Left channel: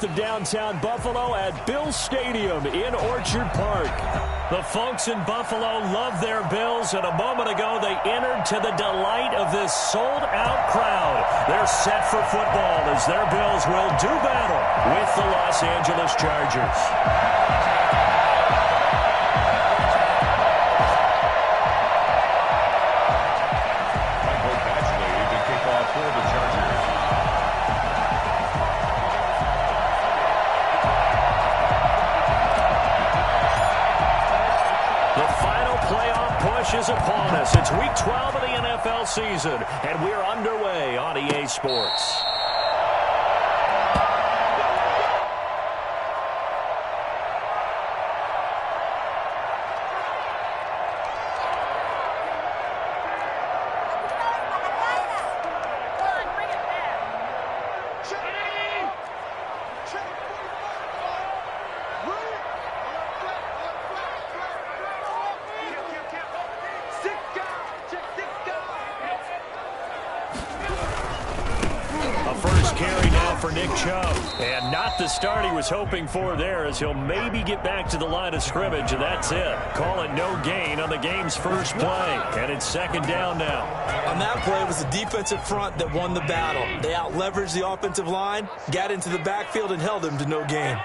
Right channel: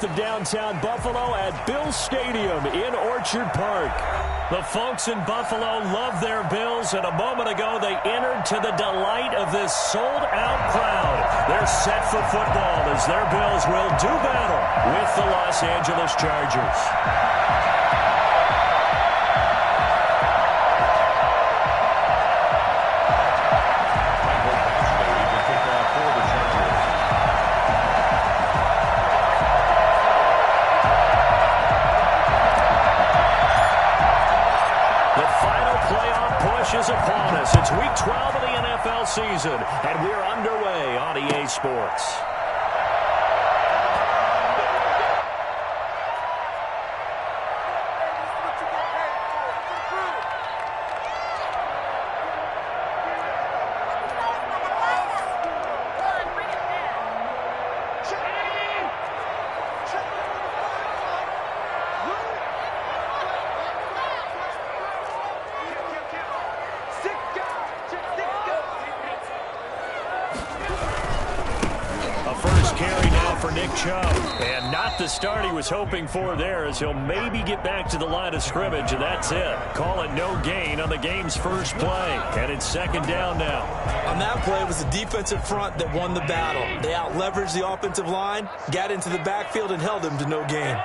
north of downtown Buffalo at Bills Stadium in Orchard Park. The folks in Buffalo love their Bills, and a moment ago they entered to the delight of this sold-out crowd. They're set for football as their Bills will do battle with the Los Angeles Chargers. For the Chargers. The final playoff push is upon us. It's week 12 of the NFL season, and we're underway on EA Sports. And not the start he was hoping for there, as he'll maybe get back to the line of scrimmage, and that's it. Call it no gain on the game's first play, and it's second down now. On that play, it was the defensive front that won the battle. They out-leveraged the offensive line, got into the backfield, and held him to no gain.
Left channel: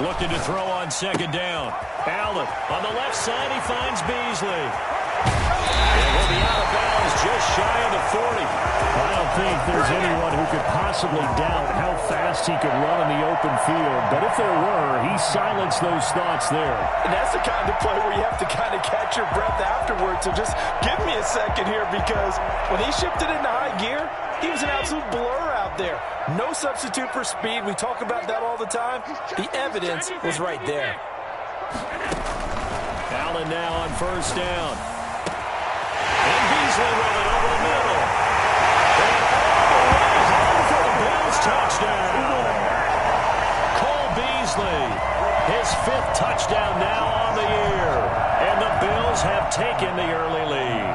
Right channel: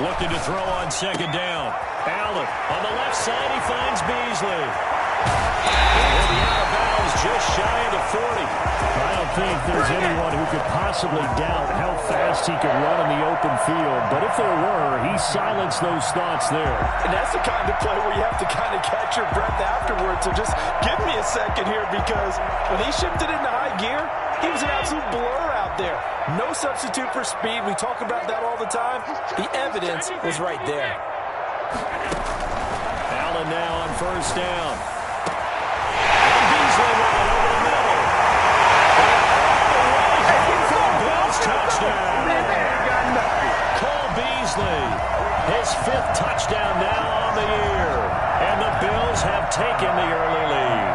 Looking to throw on second down. Allen on the left side, he finds Beasley. And he'll be out of bounds just shy of the 40. I don't think there's anyone who could possibly doubt how fast he could run in the open field. But if there were, he silenced those thoughts there. And that's the kind of play where you have to kind of catch your breath afterwards. So just give me a second here, because when he shifted into high gear, he was an absolute blur out there. No substitute for speed. We talk about that all the time. The evidence was right there. Allen now on first down. And Beasley with it over the middle. And all the way home for a Bills touchdown. Cole Beasley, his 5th touchdown now on the year. And the Bills have taken the early lead.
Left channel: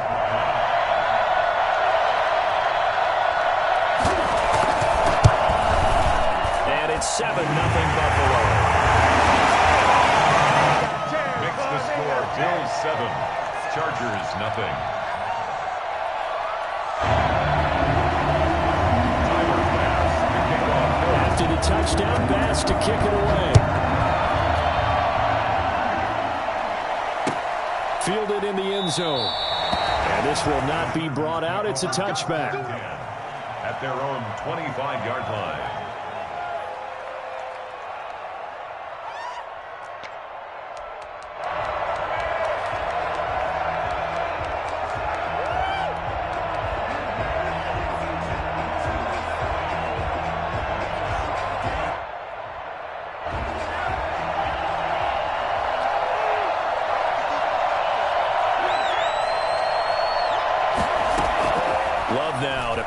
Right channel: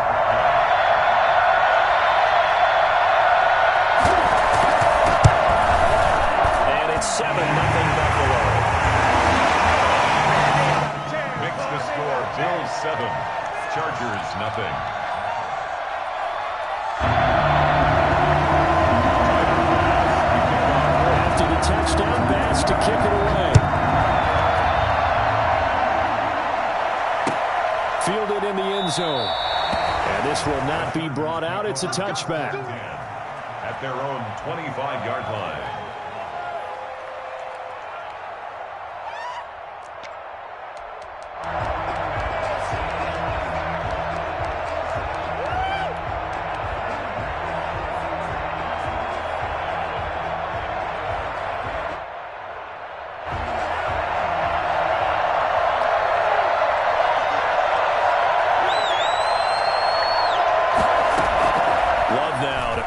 And it's 7-0 Buffalo. The score, Bills 7, Chargers nothing. Tyler Bass to kick off. After the touchdown, Bass to kick it away. Fielded in the end zone. And this will not be brought out. It's a touchback. At their own 25-yard line.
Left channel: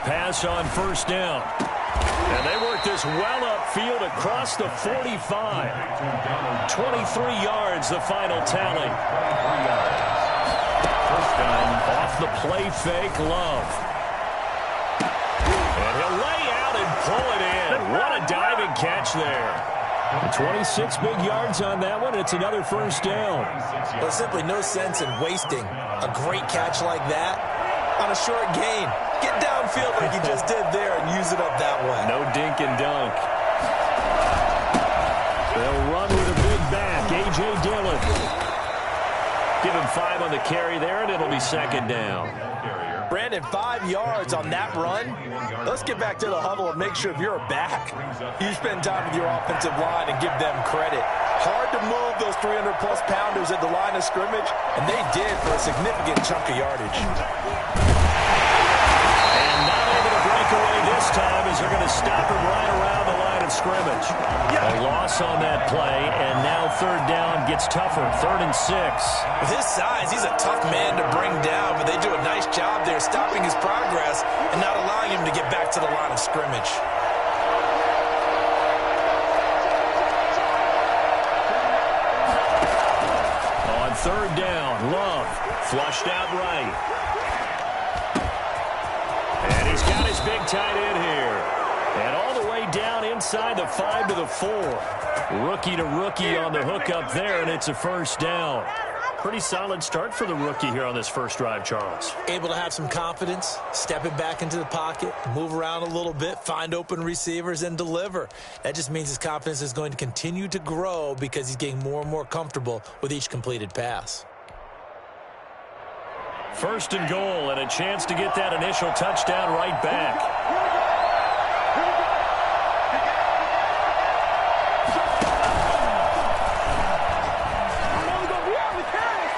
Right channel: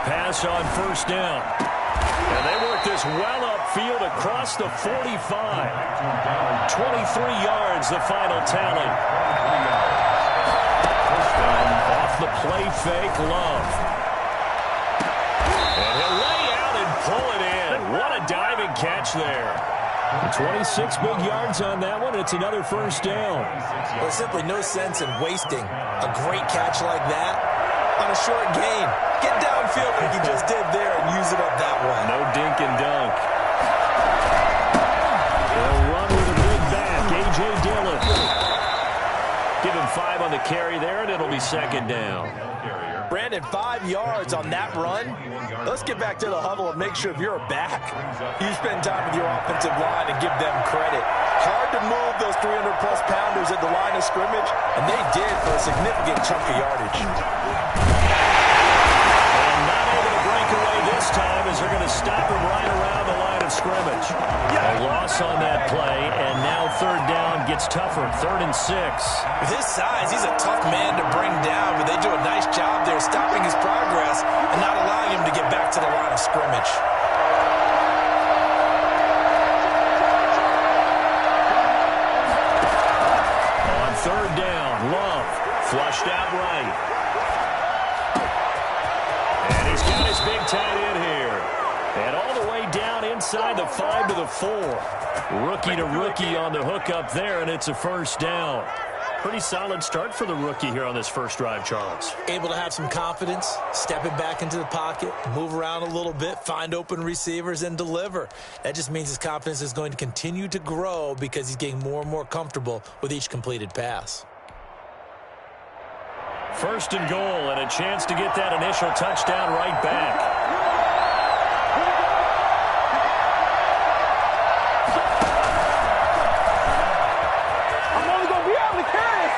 Pass on first down. And they work this well upfield across the 45. 23 yards, the final tally. 23 yards. First down off the play fake, Love. And he'll lay out and pull it in. What a diving catch there. 26 big yards on that one. It's another first down. There's simply no sense in wasting a great catch like that on a short gain. Get downfield like he just did there and use it up that way. No dink and dunk. They'll run with a big back, A.J. Dillon. Give him 5 on the carry there, and it'll be second down. Brandon, 5 yards on that run. Let's get back to the huddle and make sure if you're back, you spend time with your offensive line and give them credit. Hard to move those 300-plus pounders at the line of scrimmage, and they did for a significant chunk of yardage. Away this time as they're going to stop him right around the line of scrimmage. A loss on that play, and now third down gets tougher. 3rd and 6. With his size, he's a tough man to bring down, but they do a nice job there stopping his progress and not allowing him to get back to the line of scrimmage. third down. Love flushed out right. And he's got his big tight end here. And all the way down inside the 5 to the 4. Rookie to rookie on the hook up there, and it's a first down. Pretty solid start for the rookie here on this first drive, Charles. Able to have some confidence, stepping back into the pocket, move around a little bit, find open receivers, and deliver. That just means his confidence is going to continue to grow because he's getting more and more comfortable with each completed pass. First and goal, and a chance to get that initial touchdown right back.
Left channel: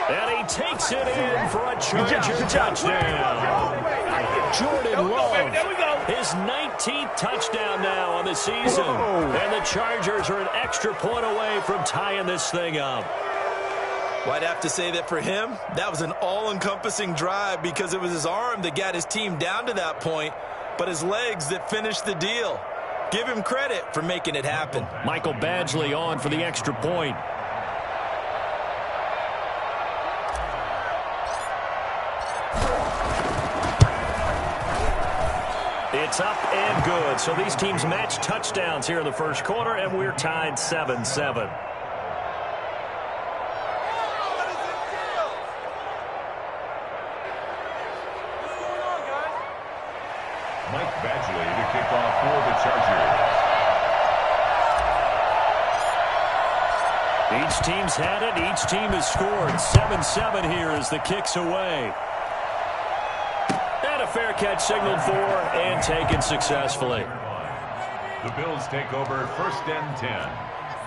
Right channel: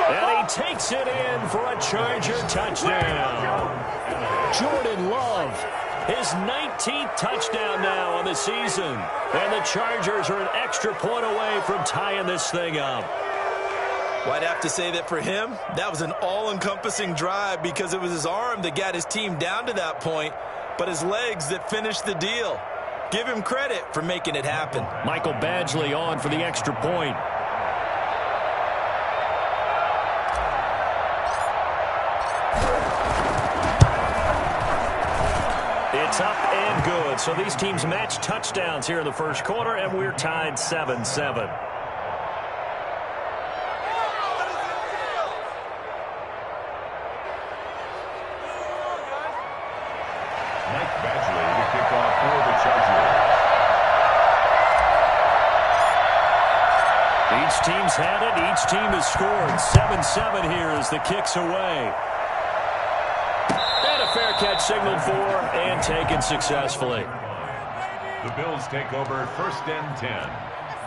And he takes it in for a Charger touchdown. Jordan Love, his 19th touchdown now on the season. And the Chargers are an extra point away from tying this thing up. Well, I'd have to say that for him, that was an all-encompassing drive because it was his arm that got his team down to that point, but his legs that finished the deal. Give him credit for making it happen. Michael Badgley on for the extra point. It's up and good. So these teams match touchdowns here in the first quarter, and we're tied 7-7. Mike Badgley to kick off for the Chargers. Each team's had it. Each team has scored. 7-7 here as the kick's away. And a fair catch signaled for and taken successfully. The Bills take over first and 10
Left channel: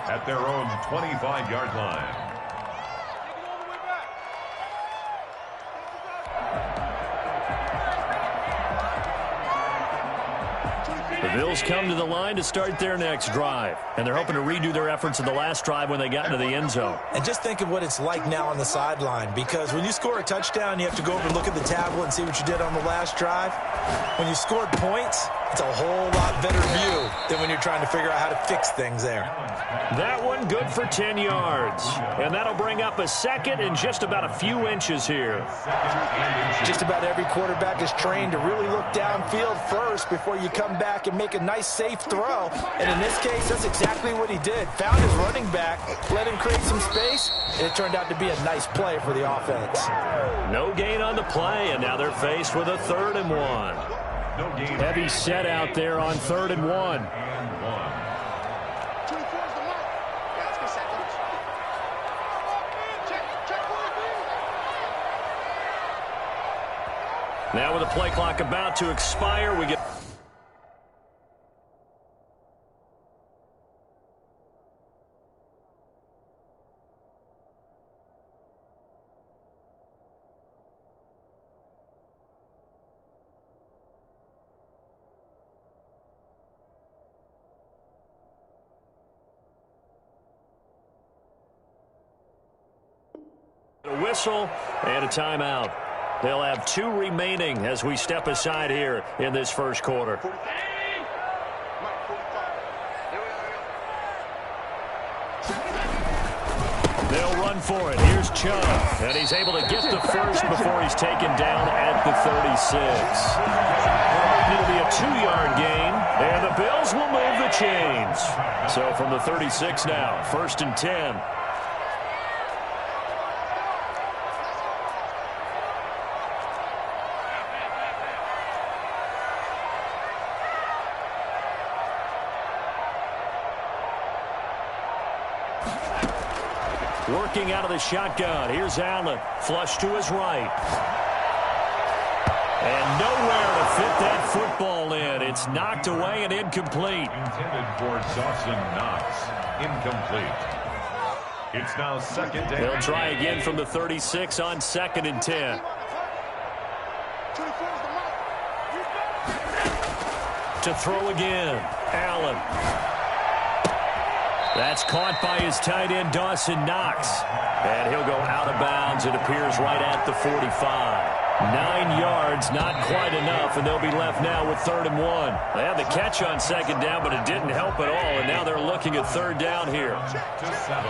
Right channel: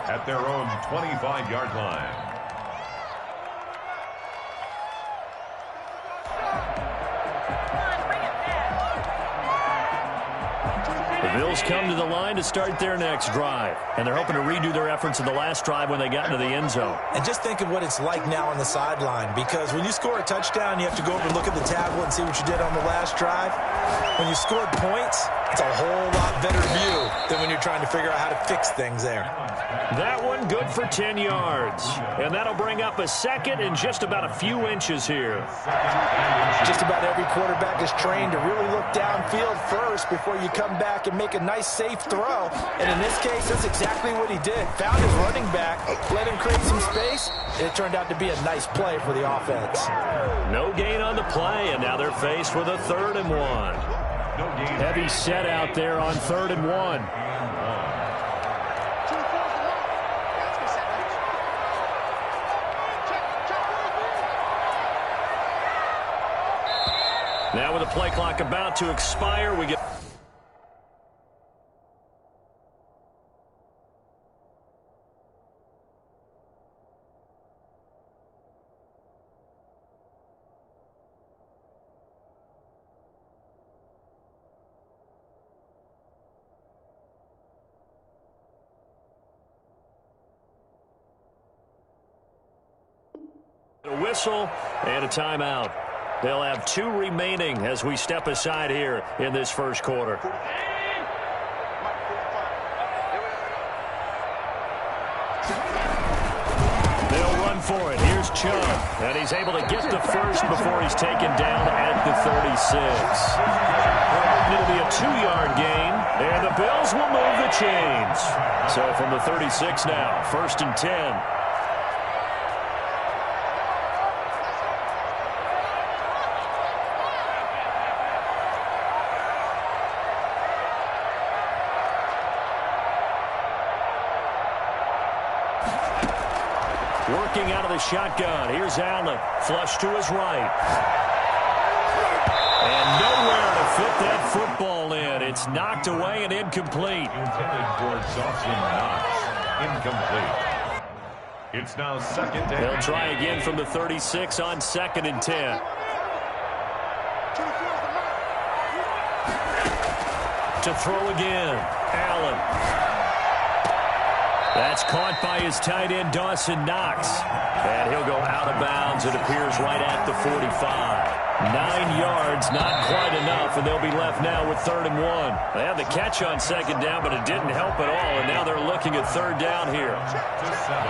at their own 25-yard line. The Bills come to the line to start their next drive, and they're hoping to redo their efforts in the last drive when they got into the end zone. And just think of what it's like now on the sideline, because when you score a touchdown, you have to go over and look at the tablet and see what you did on the last drive. When you scored points, it's a whole lot better view than when you're trying to figure out how to fix things there. That one good for 10 yards, and that'll bring up a second and just about a few inches here. Just about every quarterback is trained to really look downfield first before you come back and make a nice, safe throw. And in this case, that's exactly what he did. Found his running back, let him create some space, and it turned out to be a nice play for the offense. No gain on the play, and now they're faced with a 3rd and 1. Heavy set out there on 3rd and 1. Now with the play clock about to expire, we get... a whistle and a timeout. They'll have 2 remaining as we step aside here in this first quarter. They'll run for it. Here's Chubb, and he's able to get the first before he's taken down at the 36. It'll be a 2-yard gain, and the Bills will move the chains. So from the 36 now, 1st and 10. Working out of the shotgun. Here's Allen. Flush to his right. And nowhere to fit that football in. It's knocked away and incomplete. Intended for Dawson Knox. Incomplete. It's now 2nd and... They'll try again from the 36 on 2nd and 10. To throw again. Allen. That's caught by his tight end, Dawson Knox. And he'll go out of bounds. It appears right at the 45. 9 yards, not quite enough, and they'll be left now with 3rd and 1. They had the catch on 2nd down, but it didn't help at all, and now they're looking at 3rd down here. To 7.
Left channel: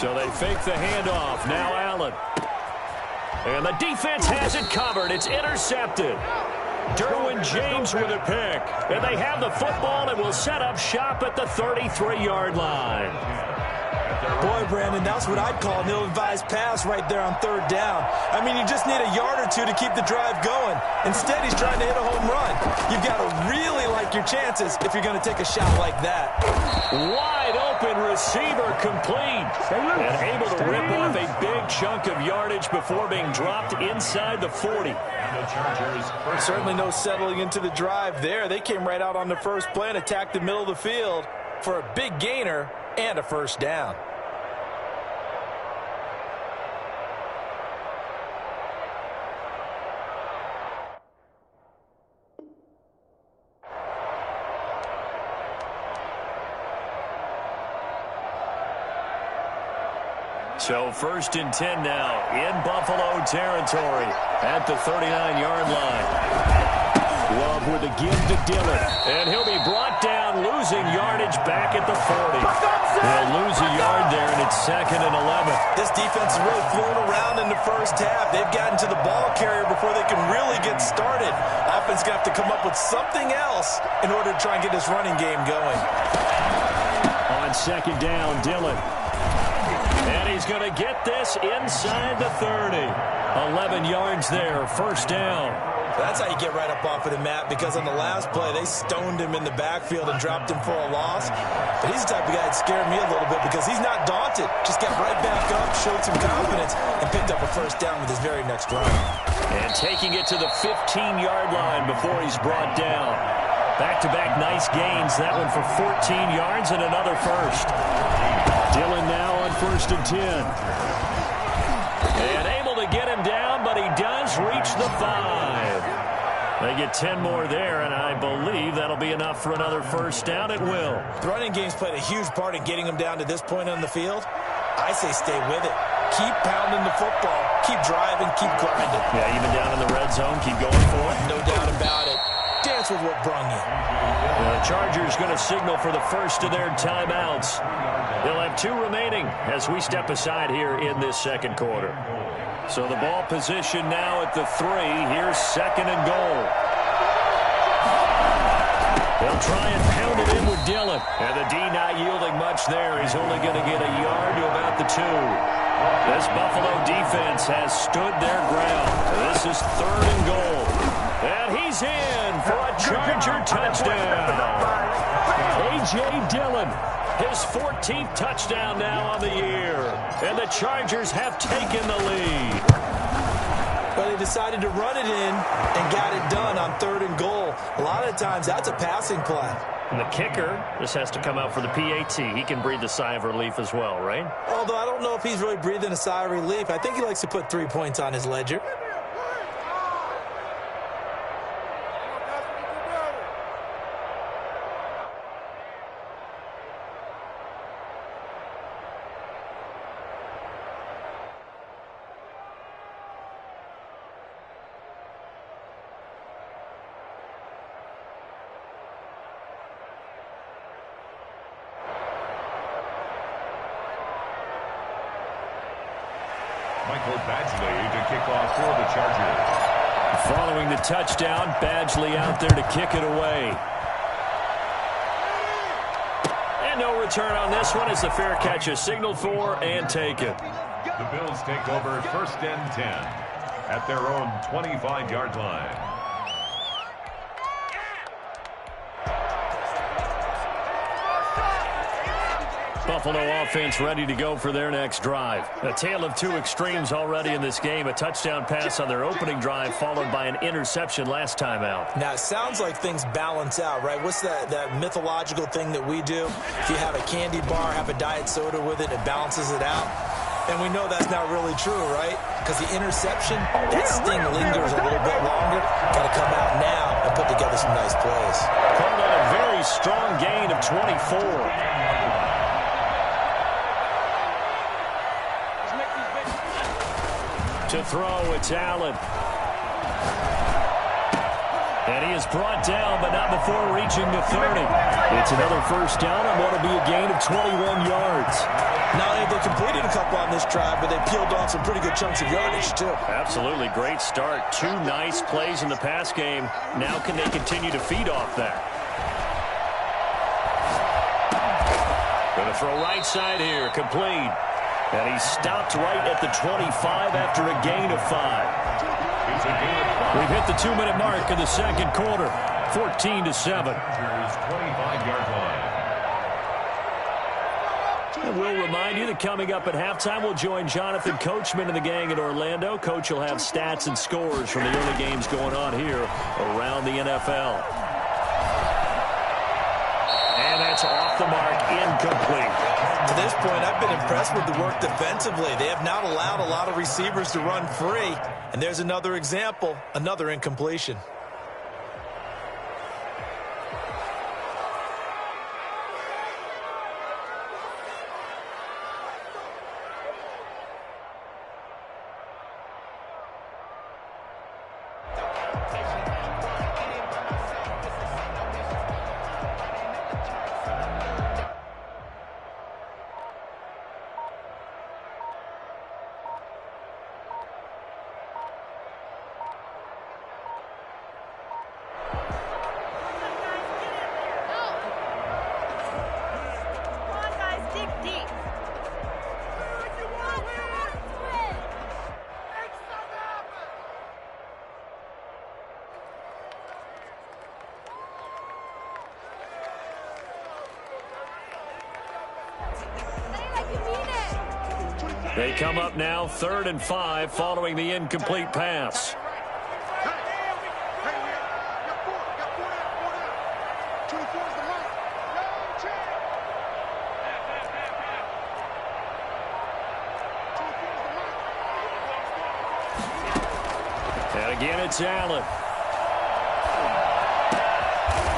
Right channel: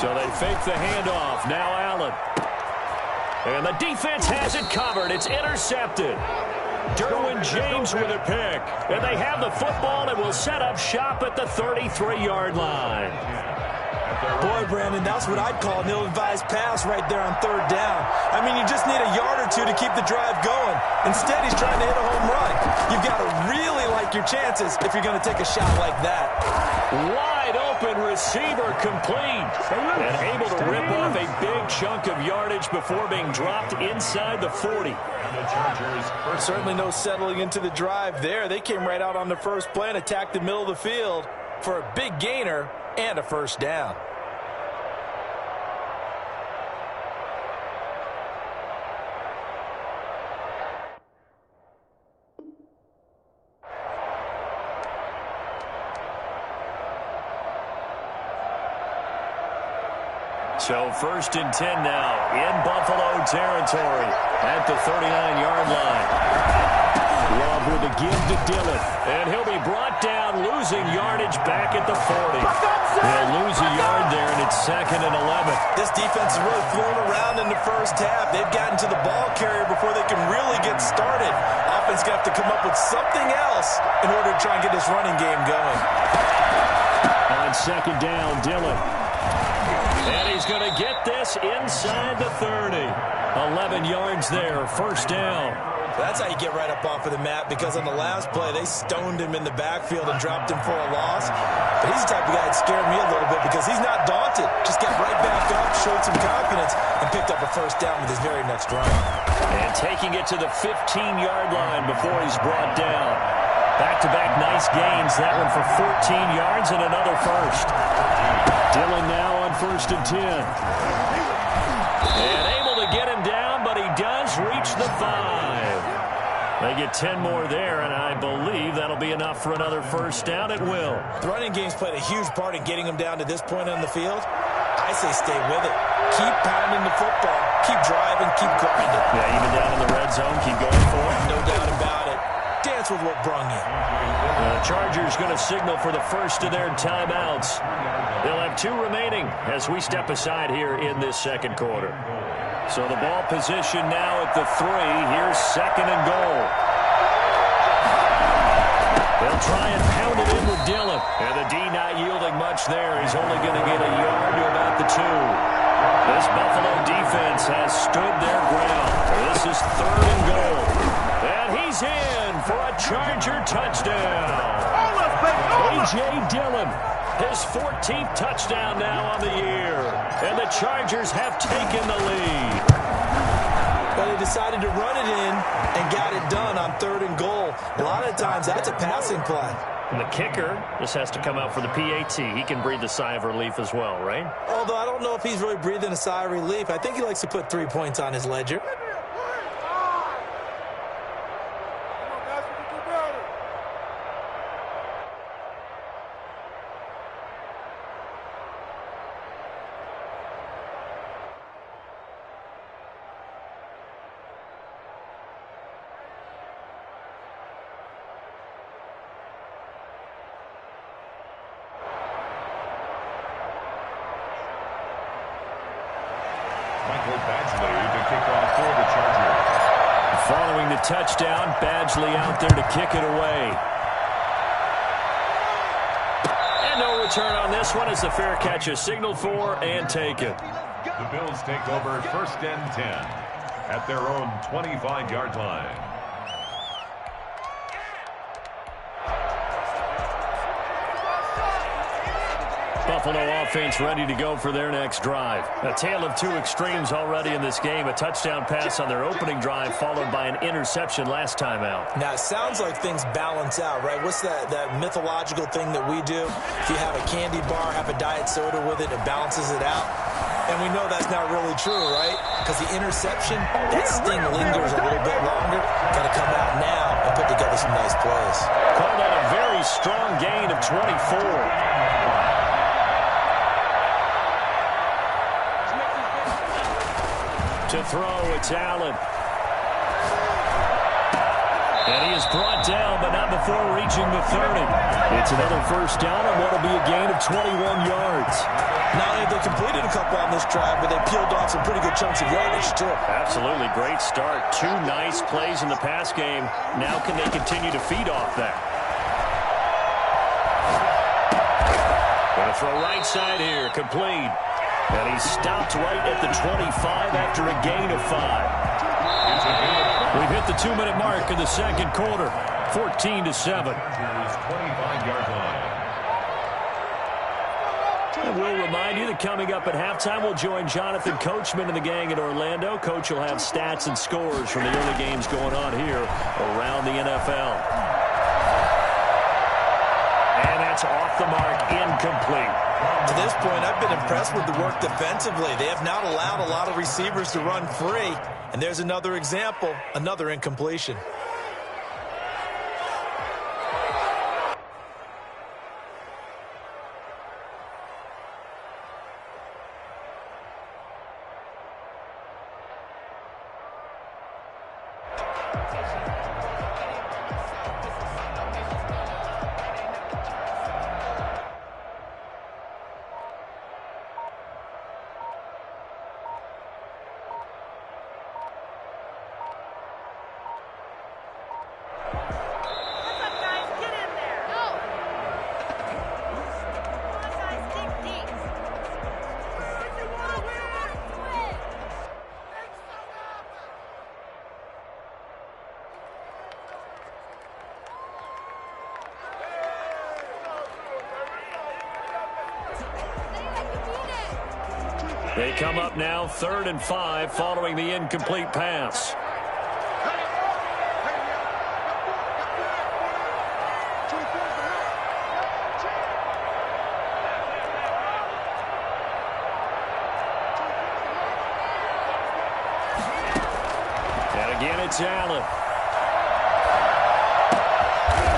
So they fake the handoff. Now Allen. And the defense has it covered. It's intercepted. Derwin James with a pick. And they have the football and will set up shop at the 33-yard line. Boy, Brandon, that's what I'd call an ill-advised pass right there on third down. I mean, you just need a yard or two to keep the drive going. Instead, he's trying to hit a home run. You've got to really like your chances if you're going to take a shot like that. Wide open receiver complete. And able to rip off a big chunk of yardage before being dropped inside the 40. And the Chargers Certainly no settling into the drive there. They came right out on the first play and attacked the middle of the field for a big gainer and a first down. So 1st and 10 now in Buffalo territory at the 39-yard line. Love with a give to Dillon. And he'll be brought down, losing yardage back at the 40. They'll lose a yard there, and it's 2nd and 11. This defense has really flown around in the first half. They've gotten to the ball carrier before they can really get started. Offense going to have to come up with something else in order to try and get this running game going. On 2nd down, Dillon. And he's going to get this inside the 30. 11 yards there, first down. That's how you get right up off of the mat, because on the last play, they stoned him in the backfield and dropped him for a loss. But he's the type of guy that scared me a little bit because he's not daunted. Just got right back up, showed some confidence, and picked up a first down with his very next run. And taking it to the 15-yard line before he's brought down. Back-to-back nice gains. That one for 14 yards and another first. Dillon now on 1st and 10. And able to get him down, but he does reach the 5. They get 10 more there, and I believe that'll be enough for another first down. It will. The running game's played a huge part in getting him down to this point on the field. I say stay with it. Keep pounding the football. Keep driving. Keep grinding. Yeah, even down in the red zone, keep going for it. No doubt about it. Dance with what brung you. The Chargers going to signal for the first of their timeouts. They'll have 2 remaining as we step aside here in this second quarter. So the ball position now at the 3. Here's 2nd and goal. They'll try and pound it in with Dillon. And the D not yielding much there. He's only going to get a yard to about the 2. This Buffalo defense has stood their ground. This is 3rd and goal. And he's in for a Charger touchdown. A.J. Dillon, his 14th touchdown now on the year. And the Chargers have taken the lead. But they decided to run it in and got it done on 3rd and goal. A lot of times that's a passing play. And the kicker just has to come out for the PAT. He can breathe a sigh of relief as well, right? Although I don't know if he's really breathing a sigh of relief. I think he likes to put 3 points on his ledger. Michael Badgley to kick off for the Chargers. Following the touchdown, Badgley out there to kick it away. And no return on this one as the fair catch is signaled for and taken. The Bills take over 1st and 10 at their own 25-yard line. Buffalo offense ready to go for their next drive. A tale of 2 extremes already in this game. A touchdown pass on their opening drive followed by an interception last time out. Now, it sounds like things balance out, right? What's that mythological thing that we do? If you have a candy bar, have a diet soda with it, it balances it out. And we know that's not really true, right? Because the interception, that sting lingers a little bit longer. Got to come out now and put together some nice plays. Called out a very strong gain of 24. To throw, it's Allen. And he is brought down, but not before reaching the 30. It's another first down on what will be a gain of 21 yards. Now, they completed a couple on this drive, but they peeled off some pretty good chunks of yardage, too. Absolutely great start. 2 nice plays in the pass game. Now can they continue to feed off that? Going to throw right side here, complete. And he stopped right at the 25 after a gain of 5. We've hit the 2-minute mark in the second quarter, 14-7. 25-yard line. And we'll remind you that coming up at halftime, we'll join Jonathan Coachman and the gang in Orlando. Coach will have stats and scores from the early games going on here around the NFL. And that's off the mark, incomplete. To this point, I've been impressed with the work defensively. They have not allowed a lot of receivers to run free. And there's another example, another incompletion. They come up now 3rd and 5 following the incomplete pass. And again, it's Allen.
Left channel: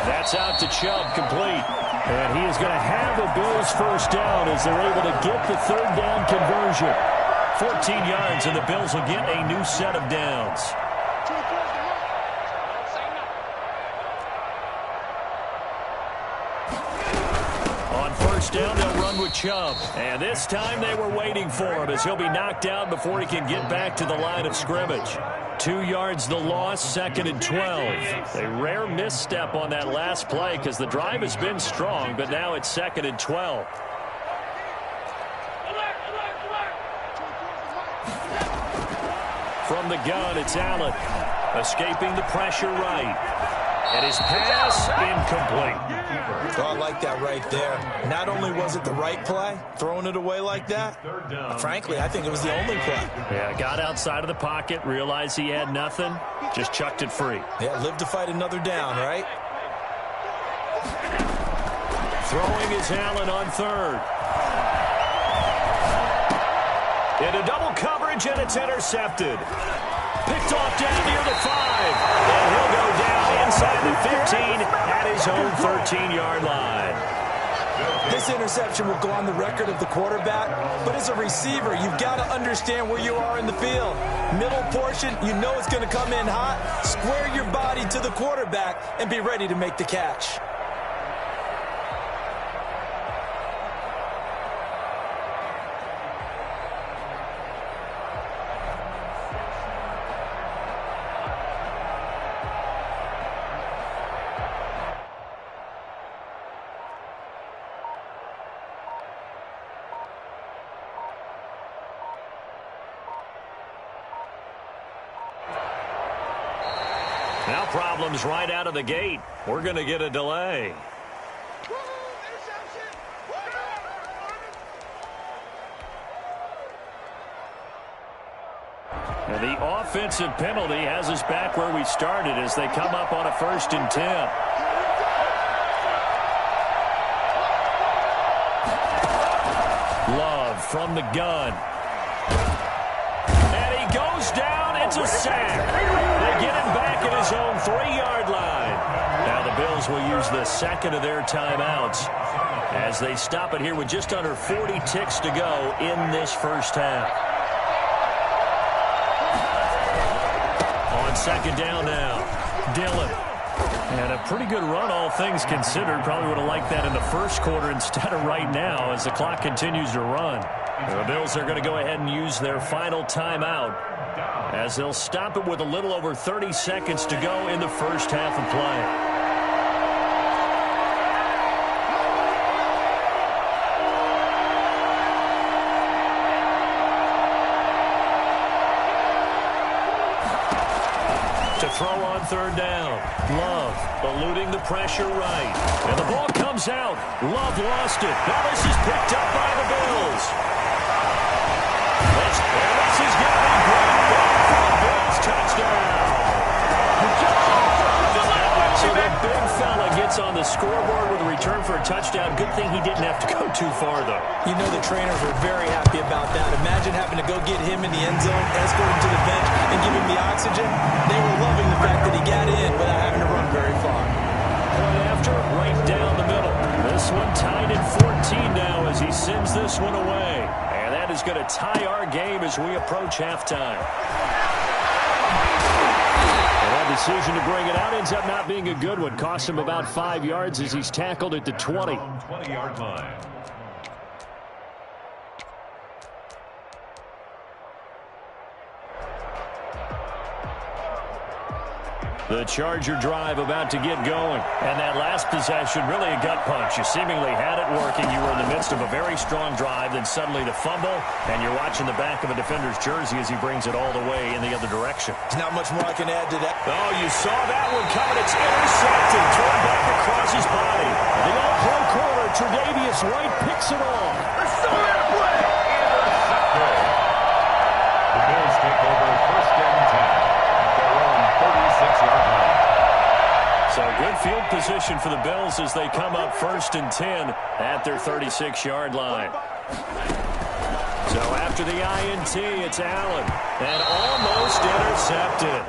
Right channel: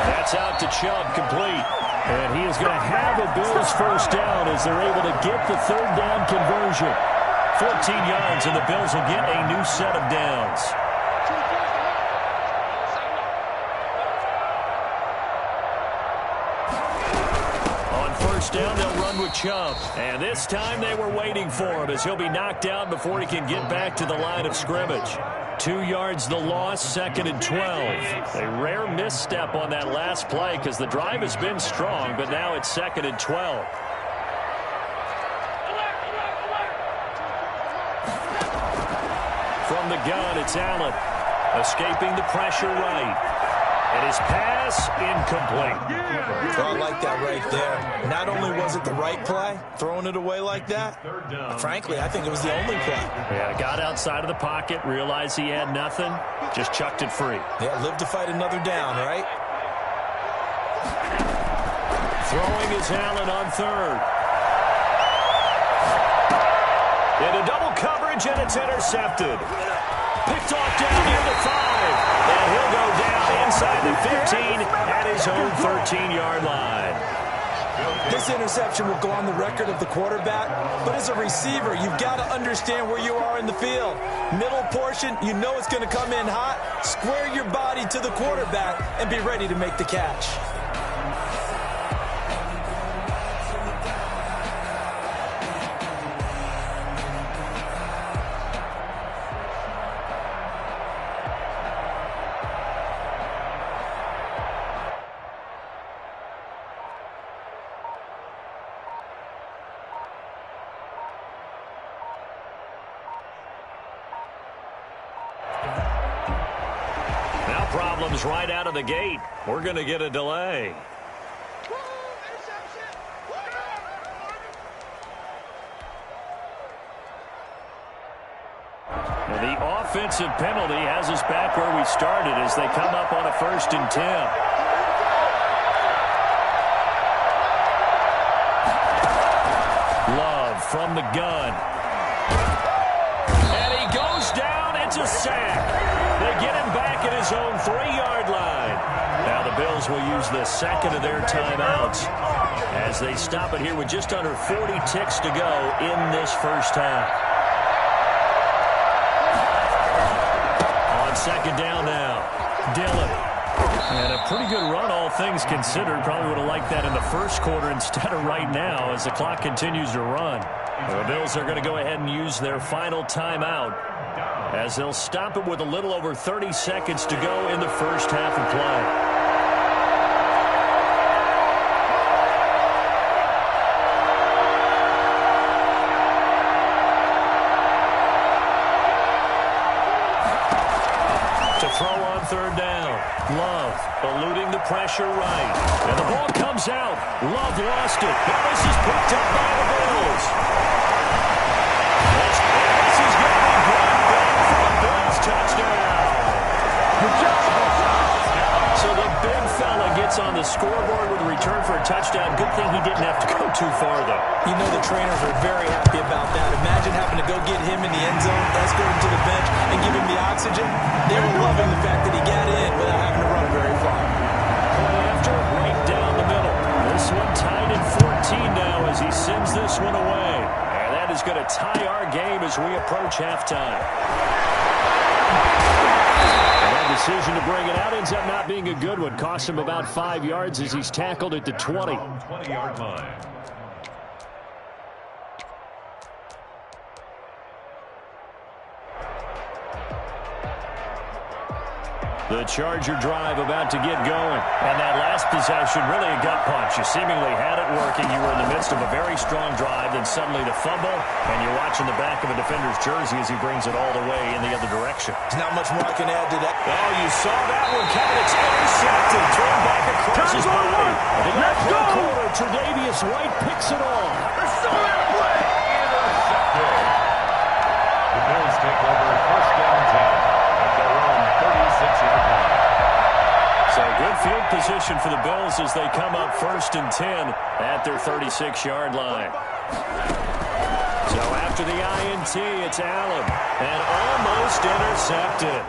That's out to Chubb, complete. And he is going to have a Bills first down as they're able to get the 3rd down conversion. 14 yards, and the Bills will get a new set of downs. On first down, they'll run with Chubb. And this time they were waiting for him as he'll be knocked down before he can get back to the line of scrimmage. 2 yards the loss, 2nd and 12. A rare misstep on that last play because the drive has been strong, but now it's 2nd and 12. From the gun, it's Allen. Escaping the pressure right. And his pass, incomplete. Oh, I like that right there. Not only was it the right play, throwing it away like that, frankly, I think it was the only play. Yeah, got outside of the pocket, realized he had nothing, just chucked it free. Yeah, live to fight another down, right? Throwing is Allen on 3rd. Into double coverage, and it's intercepted. Picked off down near the 5. And he'll go down inside the 15 at his own 13-yard line. This interception will go on the record of the quarterback, but as a receiver, you've got to understand where you are in the field. Middle portion, you know it's going to come in hot. Square your body to the quarterback and be ready to make the catch. Now problems right out of the gate. We're going to get a delay. And the offensive penalty has us back where we started as they come up on a 1st and 10. Love from the gun. And he goes down. It's a sack. They get him back at his own 3-yard line. Now the Bills will use the 2nd of their timeouts as they stop it here with just under 40 ticks to go in this first half. On 2nd down now, Dillon And a pretty good run, all things considered. Probably would have liked that in the first quarter instead of right now as the clock continues to run. The Bills are going to go ahead and use their final timeout as they'll stop it with a little over 30 seconds to go in the first half of play. To throw on third down. Love eluding the pressure right. And the ball comes out. Love lost it. Now this is picked up by the Bills. This is going to be great back for the Bills. Touchdown. So the big fella gets on the scoreboard with a return for a touchdown. Good thing he didn't have to go too far, though. You know the trainers were very happy about that. Imagine having to go get him in the end zone, escort him to the bench, and give him the oxygen. They were loving the fact that he got in without having to run very far. Point after, right down the middle. This one tied at 14 now as he sends this one away. And that is going to tie our game as we approach halftime. And that decision to bring it out ends up not being a good one. Cost him about 5 yards as he's tackled at the 20. 20-yard line. The Charger drive about to get going. And that last possession, really a gut punch. You seemingly had it working. You were in the midst of a very strong drive. Then suddenly the fumble, and you're watching the back of a defender's jersey as he brings it all the way in the other direction. There's not much more I can add to that. Oh, you saw that one coming. It's intercepted. Thrown back across his body. And the all-pro corner, Tre'Davious White, picks it off. They're still in a play. Intercepted. The Bills take over first and 10. Their own 36-yard line. So good field position for the Bills as they come up first and 10 at their 36-yard line. So after the INT, it's Allen. And almost intercepted.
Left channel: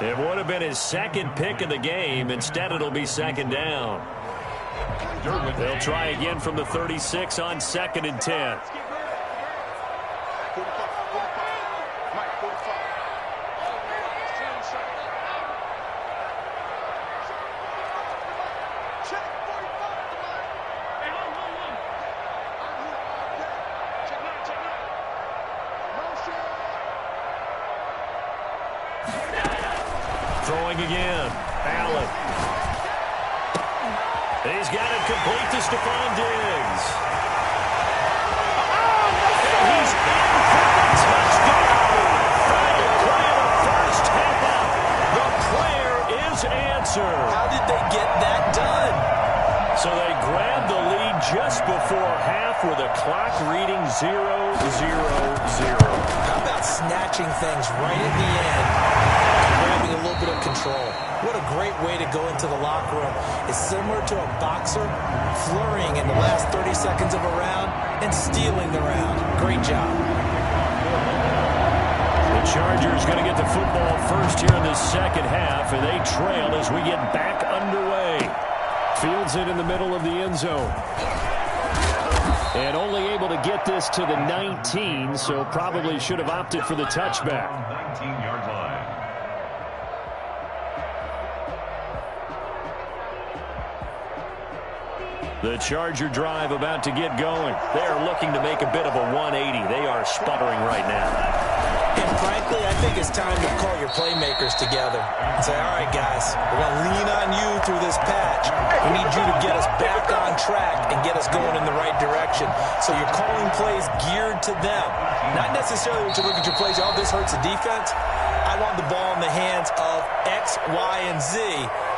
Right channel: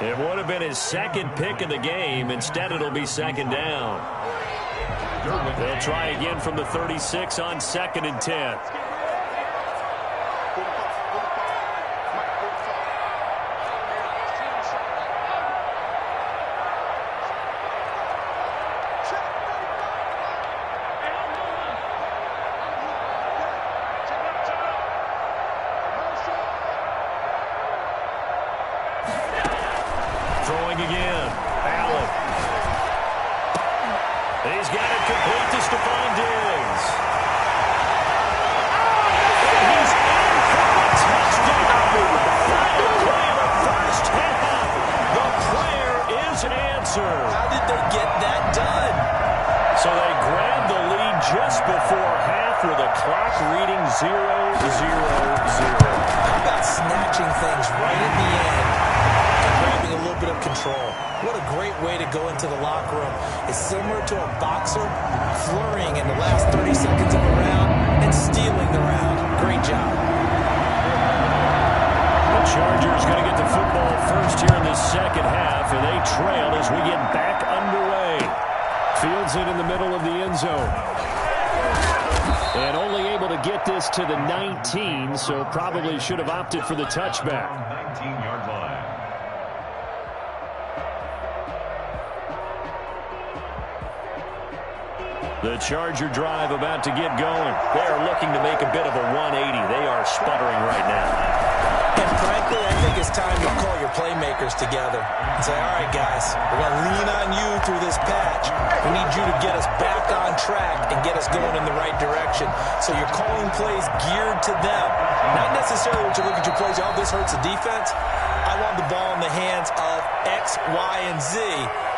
It would have been his second pick of the game. Instead, it'll be second down. They'll try again from the 36 on second and 10. Throwing again. Allen. He's got it complete to Stephon Diggs. And he's in for the touchdown. Final play of the first half. The prayer is answered. How did they get that done? So they grabbed the lead just before half with a clock reading 0-0-0. How about snatching things right at the end and grabbing a little bit of control? What a great way to go into the locker room. It's similar to a boxer flurrying in the last 30 seconds of a round and stealing the round. Great job. The Chargers going to get the football first here in the second half, and they trail as we get back underway. Fields it in the middle of the end zone. And only able to get this to the 19, so probably should have opted for the touchback. 19-yard line. The Charger drive about to get going. They're looking to make a bit of a 180. They are sputtering right now. And frankly, I think it's time to call your playmakers together and say, all right, guys, we're going to lean on you through this patch. We need you to get us back on track and get us going in the right direction. So you're calling plays geared to them. Not necessarily when you look at your plays, oh, this hurts the defense. I want the ball in the hands of X, Y, and Z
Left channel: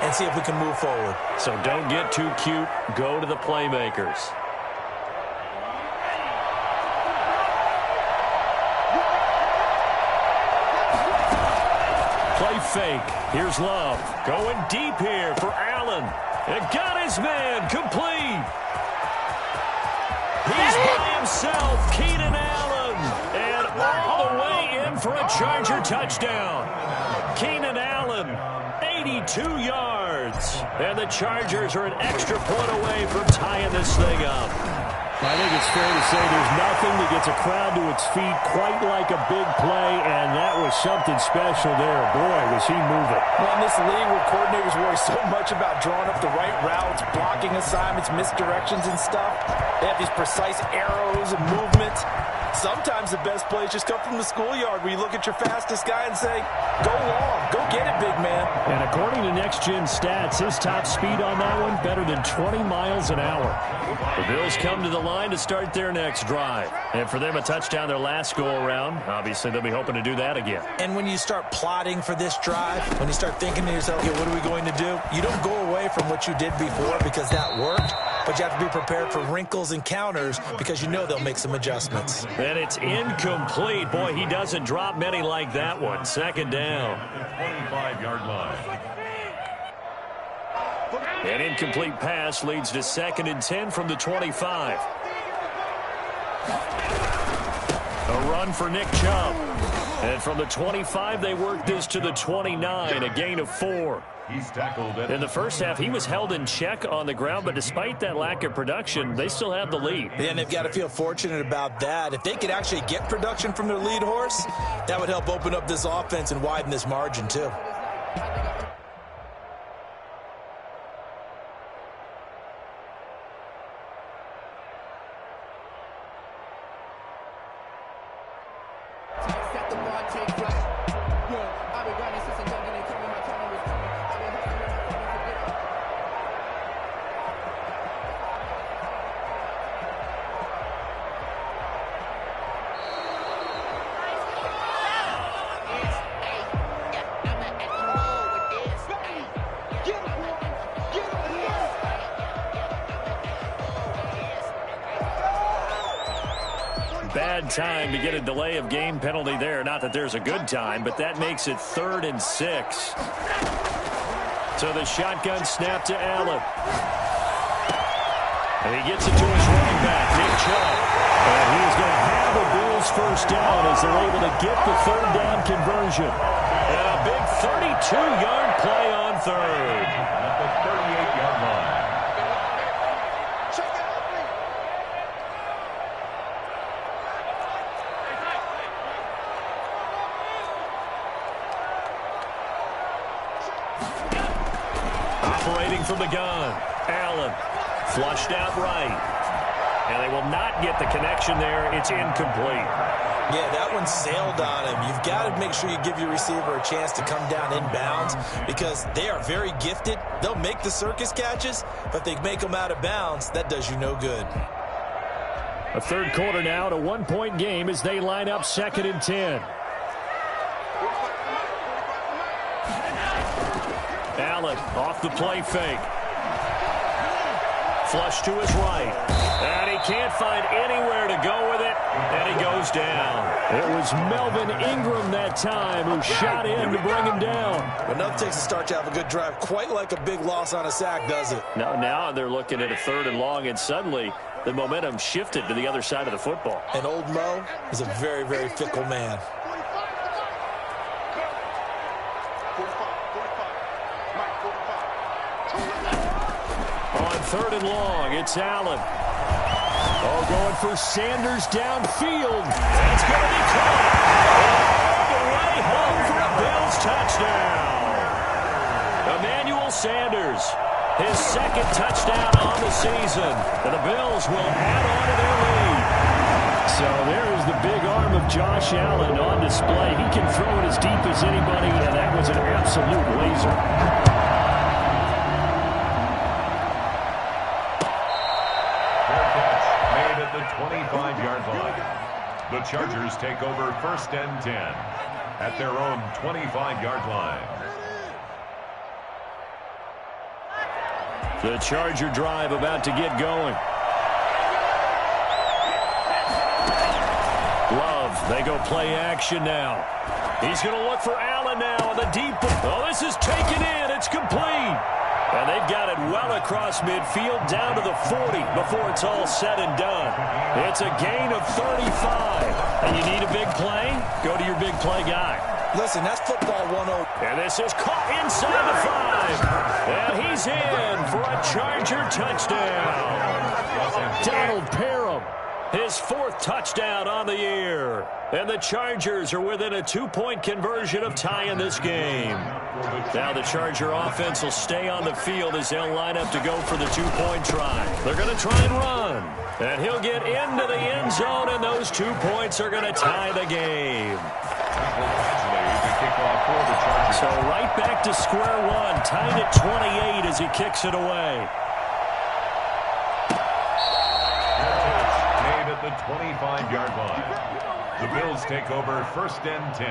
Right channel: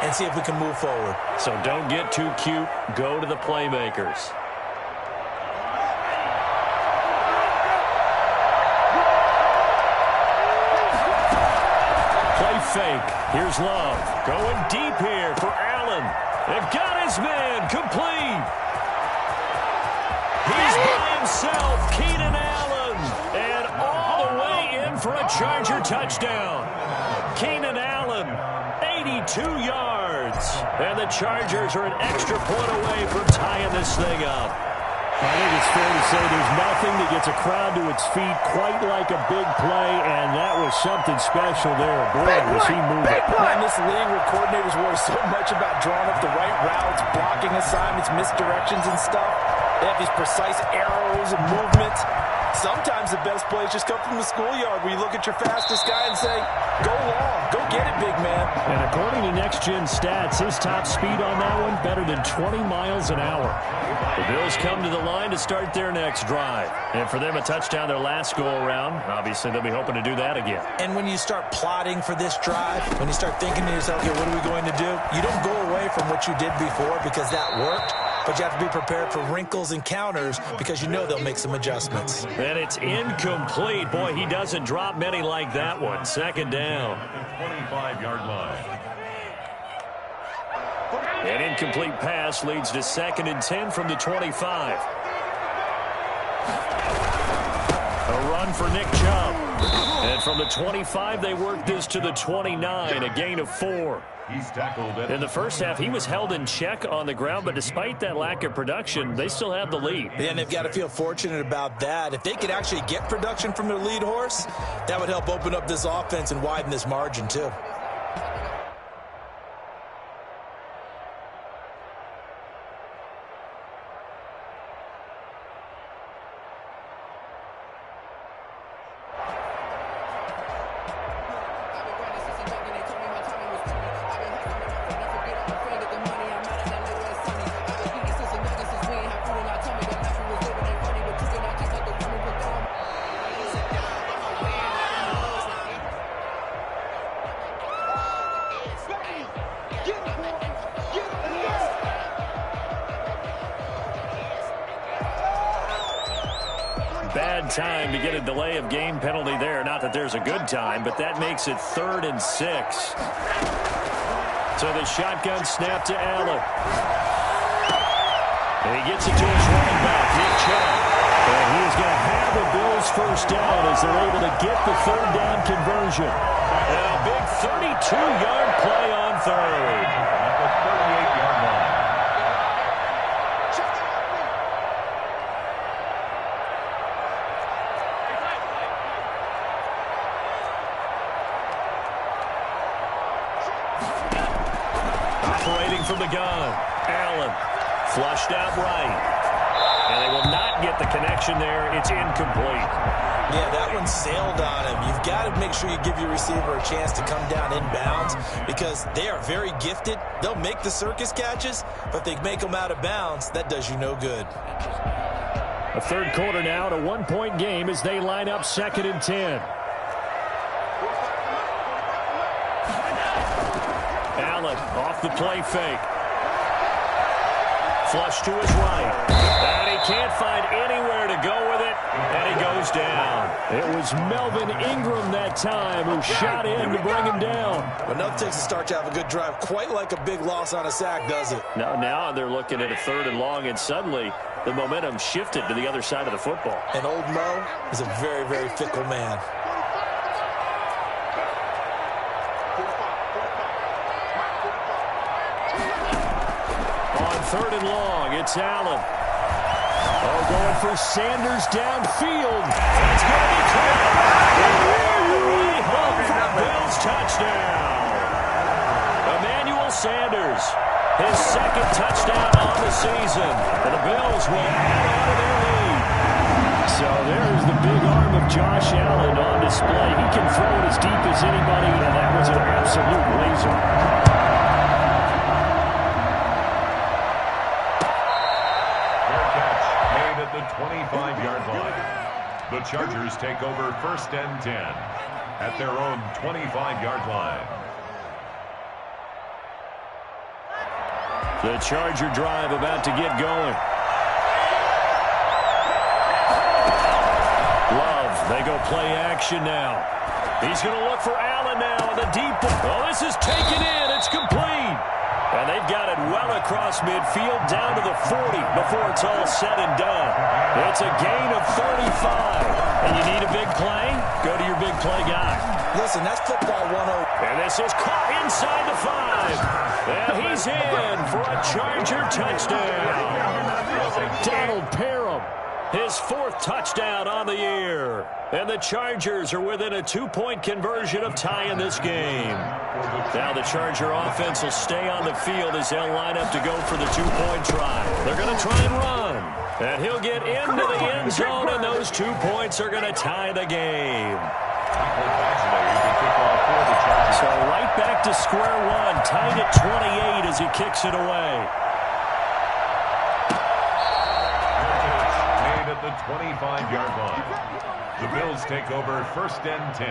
and see if we can move forward. So don't get too cute. Go to the playmakers. Play fake. Here's Love. Going deep here for Allen. It got his man complete. He's by himself, Keenan Allen. And all the way in for a Charger touchdown. Keenan Allen, 82 yards. And the Chargers are an extra point away from tying this thing up. I think it's fair to say there's nothing that gets a crowd to its feet quite like a big play, and that was something special there. Boy, was he moving. In this league where coordinators worry so much about drawing up the right routes, blocking assignments, misdirections and stuff, they have these precise arrows and movements. Sometimes the best plays just come from the schoolyard where you look at your fastest guy and say, go long, go get it, big man. And according to Next Gen Stats, his top speed on that one, better than 20 miles an hour. The Bills come to the line to start their next drive. And for them, a touchdown their last go-around. Obviously, they'll be hoping to do that again. And when you start plotting for this drive, when you start thinking to yourself, okay, what are we going to do? You don't go away from what you did before because that worked, but you have to be prepared for wrinkles and counters because you know they'll make some adjustments. And it's incomplete. Boy, he doesn't drop many like that one. Second down. 25-yard line. An incomplete pass leads to 2nd and 10 from the 25. A run for Nick Chubb. And from the 25, they work this to the 29, a gain of 4. He's tackled In the first half, he was held in check on the ground, but despite that lack of production, they still have the lead. And they've got to feel fortunate about that. If they could actually get production from their lead horse, that would help open up this offense and widen this margin too. Bad time to get a delay of game penalty there. Not that there's a good time, but that makes it 3rd and 6. So the shotgun snap to Allen. And he gets it to his running back, Nick Chubb. And he is going to have the Bills first down as they're able to get the 3rd down conversion. And a big 32-yard play on 3rd. At the 38-yard line. Operating from the gun, Allen flushed out right. And they will not get the connection there. It's incomplete. Yeah, that one sailed on him. You've got to make sure you give your receiver a chance to come down inbounds because they are very gifted. They'll make the circus catches, but if they make them out of bounds, that does you no good. A third quarter now, a 1-point game as they line up 2nd and 10. Allen off the play fake. Flush to his right. And he can't find anywhere to go with it. And he goes down. It was Melvin Ingram that time who shot in to bring him down. But nothing takes a start to have a good drive quite like a big loss on a sack, does it? Now they're looking at a 3rd and long, and suddenly the momentum shifted to the other side of the football. And old Mo is a very, very fickle man. On 3rd and long, it's Allen. Oh, going for Sanders downfield. That's going to be caught. All the way home for a Bills touchdown. Emmanuel Sanders, his 2nd touchdown on the season. And the Bills will add on to their lead. So there is the big arm of Josh Allen on display. He can throw it as deep as anybody, and that was an absolute laser. At the 25-yard line. The Chargers take over 1st and 10 at their own 25-yard line. The Charger drive about to get going. Love, they go play action now. He's going to look for Allen now on the deep. Oh, this is taken in. It's complete. And they've got it well across midfield down to the 40 before it's all said and done. It's a gain of 35. And you need a big play? Go to your big play guy. Listen, that's football 101. And this is caught inside the 5. And he's in for a Charger touchdown. Donald Parham, his 4th touchdown on the year. And the Chargers are within a 2-point conversion of tying this game. Now the Charger offense will stay on the field as they'll line up to go for the 2-point try. They're going to try and run. And he'll get into the end zone, and those 2 points are going to tie the game. So right back to square one, tied at 28 as he kicks it away. Made at the 25-yard line. The Bills take over 1st and 10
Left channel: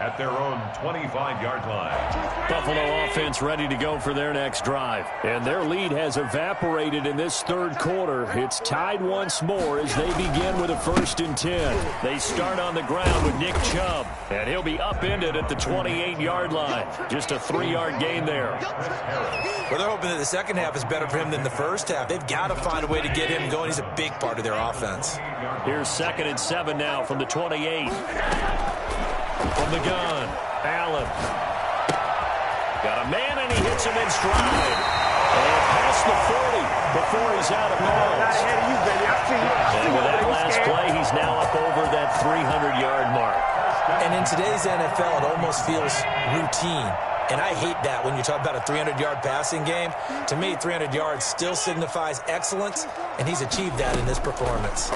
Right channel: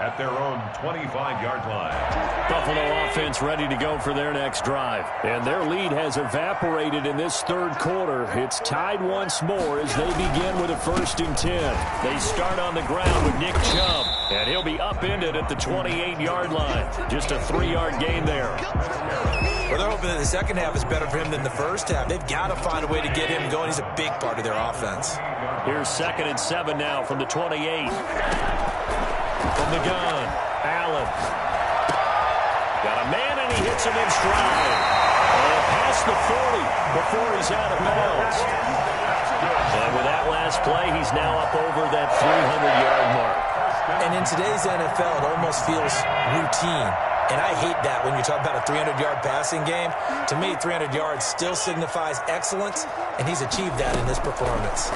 at their own 25-yard line. Buffalo offense ready to go for their next drive. And their lead has evaporated in this 3rd quarter. It's tied once more as they begin with a 1st and 10. They start on the ground with Nick Chubb. And he'll be upended at the 28-yard line. Just a 3-yard gain there. Well, they're hoping that the second half is better for him than the first half. They've got to find a way to get him going. He's a big part of their offense. Here's 2nd and 7 now from the 28. From the gun, Allen. Got a man, and he hits him in stride. And past the 40 before he's out of bounds. And with that last play, he's now up over that 300-yard mark. And in today's NFL, it almost feels routine. And I hate that when you talk about a 300-yard passing game. To me, 300 yards still signifies excellence, and he's achieved that in this performance.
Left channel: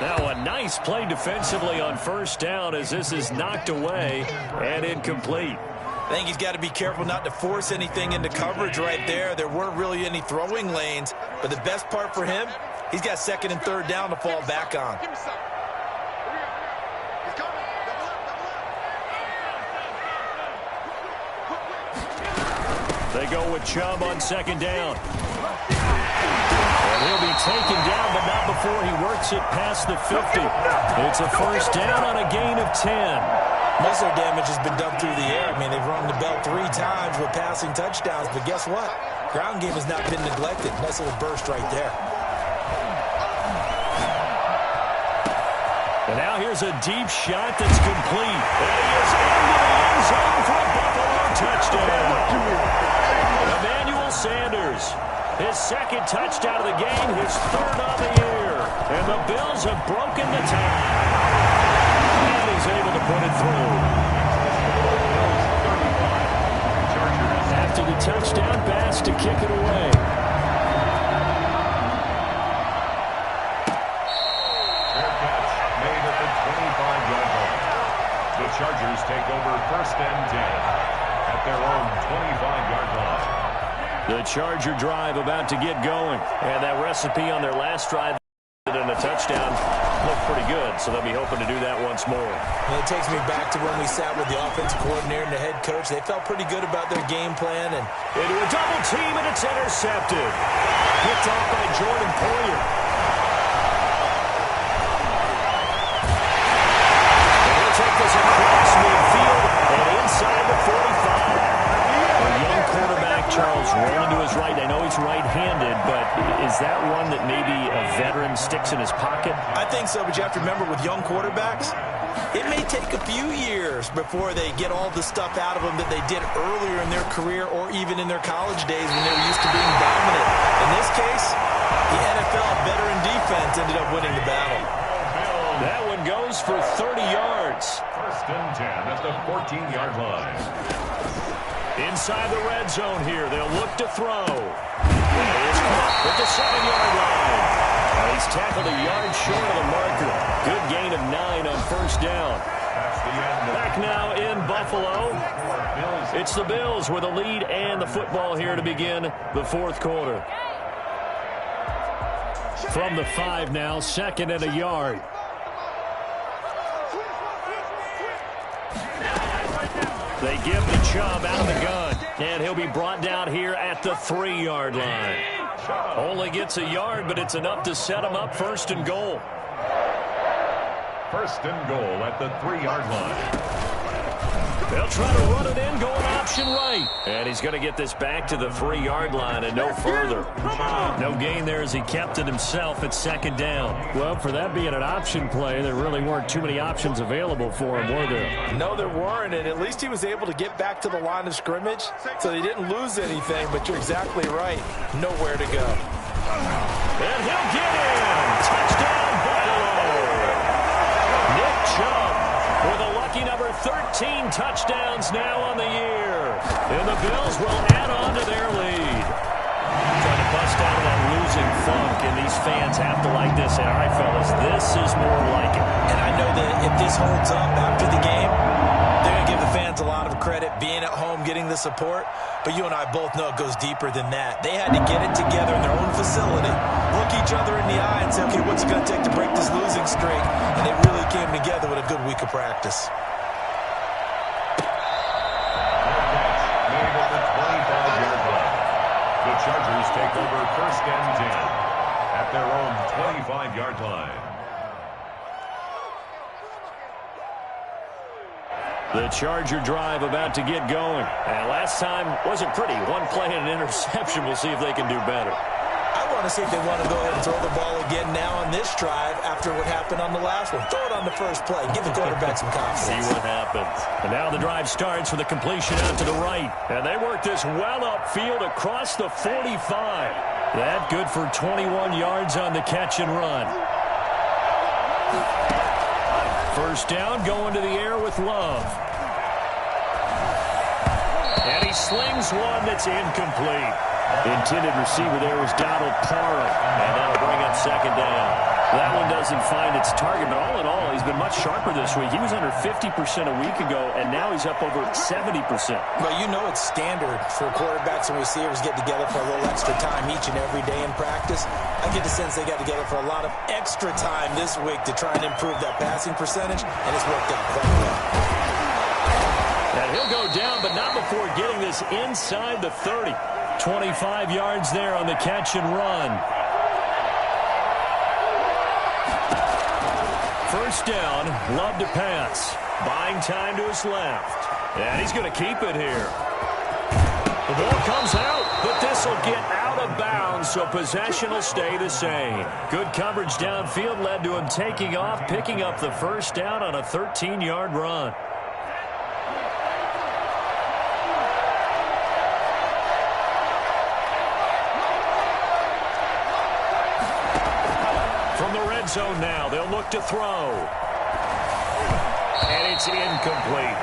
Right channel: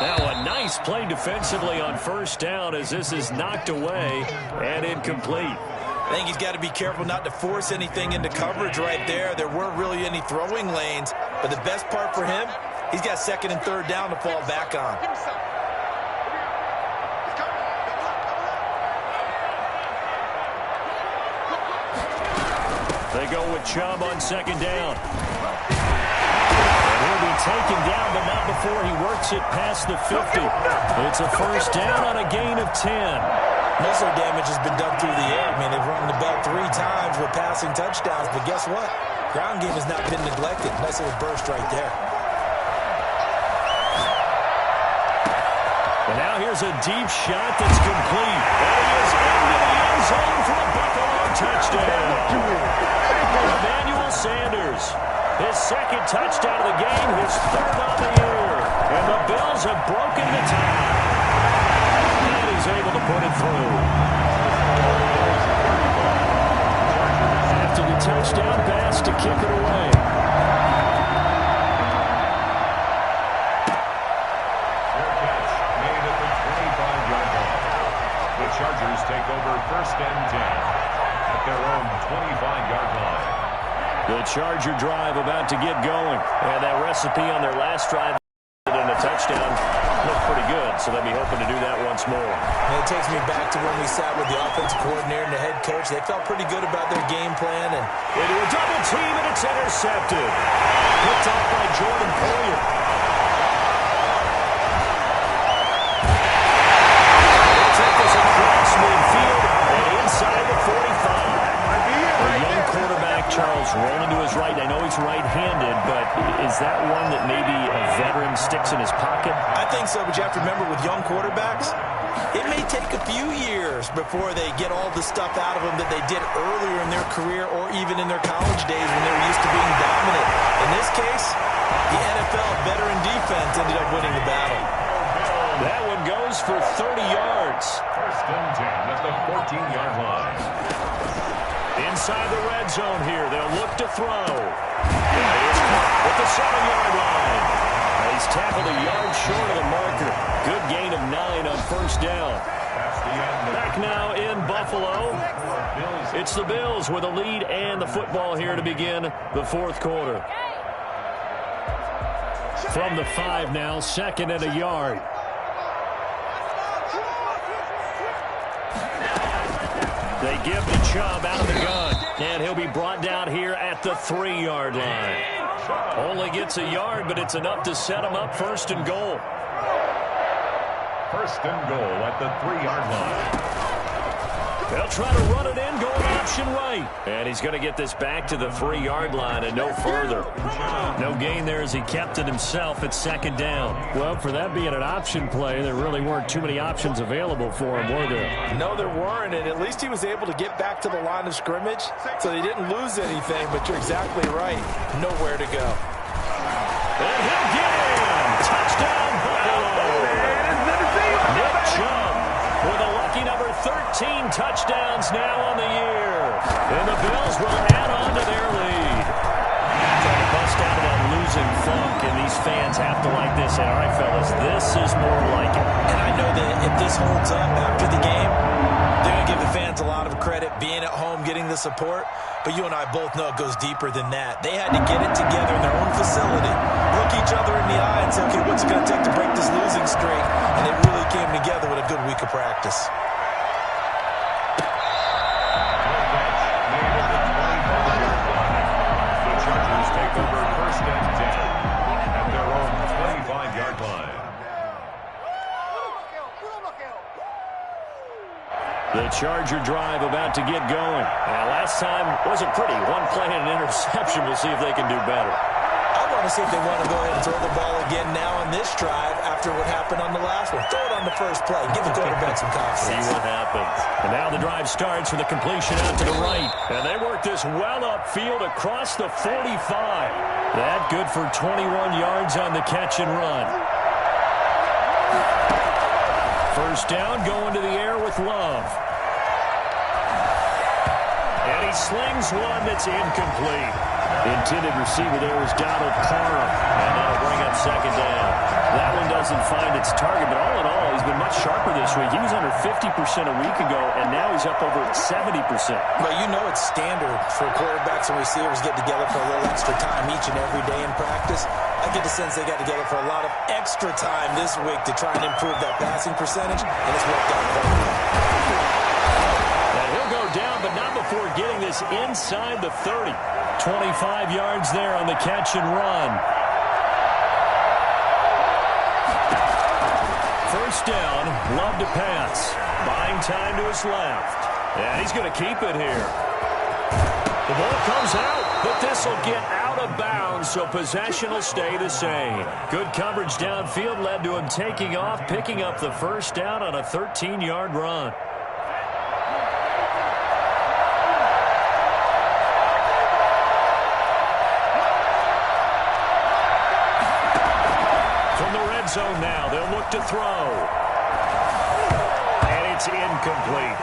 Now a nice play defensively on 1st down as this is knocked away and incomplete. I think he's got to be careful not to force anything into coverage right there. There weren't really any throwing lanes, but the best part for him, he's got 2nd and 3rd down to fall back on. They go with Chubb on 2nd down. And he'll be taken down, but not before he works it past the 50. It's a 1st down on a gain of 10. Most of their damage has been done through the air. I mean, they've rung the bell 3 times with passing touchdowns, but guess what? Ground game has not been neglected. Nice little burst right there. And now here's a deep shot that's complete. And he is into the end zone for a Buffalo touchdown. Emmanuel Sanders, his 2nd touchdown of the game, his 3rd on the year. And the Bills have broken the tie. And he's able to put it through. After the touchdown pass to kick it away. Fair catch made at the 25-yard line. The Chargers take over 1st and 10 at their own 25-yard line. The Charger drive about to get going. And that recipe on their last drive and a touchdown looked pretty good, so they'll be hoping to do that once more. And it takes me back to when we sat with the offensive coordinator and the head coach. They felt pretty good about their game plan. And into a double team, and it's intercepted. Picked off by Jordan Poyer. And he'll take this across midfield and inside the 45. A young quarterback, Charles, rolling to his right. I know he's right-handed, but is that one that maybe a veteran sticks in his pocket? I think so, but you have to remember with young quarterbacks, it may take a few years before they get all the stuff out of them that they did earlier in their career or even in their college days when they were used to being dominant. In this case, the NFL veteran defense ended up winning the battle. That one goes for 30 yards. 1st and 10 at the 14-yard line. Inside the red zone here, they'll look to throw. And he is caught at the 7-yard line. And he's tackled a yard short of the marker. Good gain of 9 on 1st down. That's the end. Back now in Buffalo. It's the Bills with a lead and the football here to begin the 4th quarter. From the 5 now, 2nd and a yard. They give to Chubb out of the gun. And he'll be brought down here at the 3-yard line. Only gets a yard, but it's enough to set him up 1st and goal. 1st and goal at the 3-yard line. They'll try to run it in, going option right. And he's going to get this back to the 3-yard line and no further. No gain there as he kept it himself at second down. Well, for that being an option play, there really weren't too many options available for him, were there? No, there weren't, and at least he was able to get back to the line of scrimmage, so he didn't lose anything, but you're exactly right. Nowhere to go. And he'll get in. Touchdown, Buffalo. Nick Chubb with a lucky number 13 touchdowns now on the year. And the Bills will add on to their lead. Trying to bust out of that losing funk, and these fans have to like this. And all right, fellas, this is more like it. And I know that if this holds up after the game, they're going to give the fans a lot of credit, being at home, getting the support. But you and I both know it goes deeper than that. They had to get it together in their own facility, look each other in the eye and say, okay, what's it going to take to break this losing streak? And they really came together with a good week of practice. Good catch made at the 25-yard line. The Chargers take over first and 10 at their own 25-yard line. The Charger drive about to get going. And last time wasn't pretty. One play and an interception. We'll see if they can do better. I want to see if they want to go ahead and throw the ball again now on this drive after what happened on the last one. Throw it on the first play. Give the quarterback some confidence. See what happens. And now the drive starts with a completion out to the right. And they work this well upfield across the 45. That good for 21 yards on the catch and run. First down, going to the air with Love. And he slings one that's incomplete. Intended receiver there was Donald Parham. And that'll bring up second down. That one doesn't find its target, but all in all, he's been much sharper this week. He was under 50% a week ago, and now he's up over 70%. Well, you know it's standard for quarterbacks and receivers get together for a little extra time each and every day in practice. I get the sense they got together for a lot of extra time this week to try and improve that passing percentage, and it's worked out quite well. And he'll go down, but not before getting this inside the 30. 25 yards there on the catch and run. First down, Love to pass. Buying time to his left. And he's going to keep it here. The ball comes out, but this will get out of bounds, so possession will stay the same. Good coverage downfield led to him taking off, picking up the first down on a 13-yard run. From the red zone now, they'll look to throw. And it's incomplete.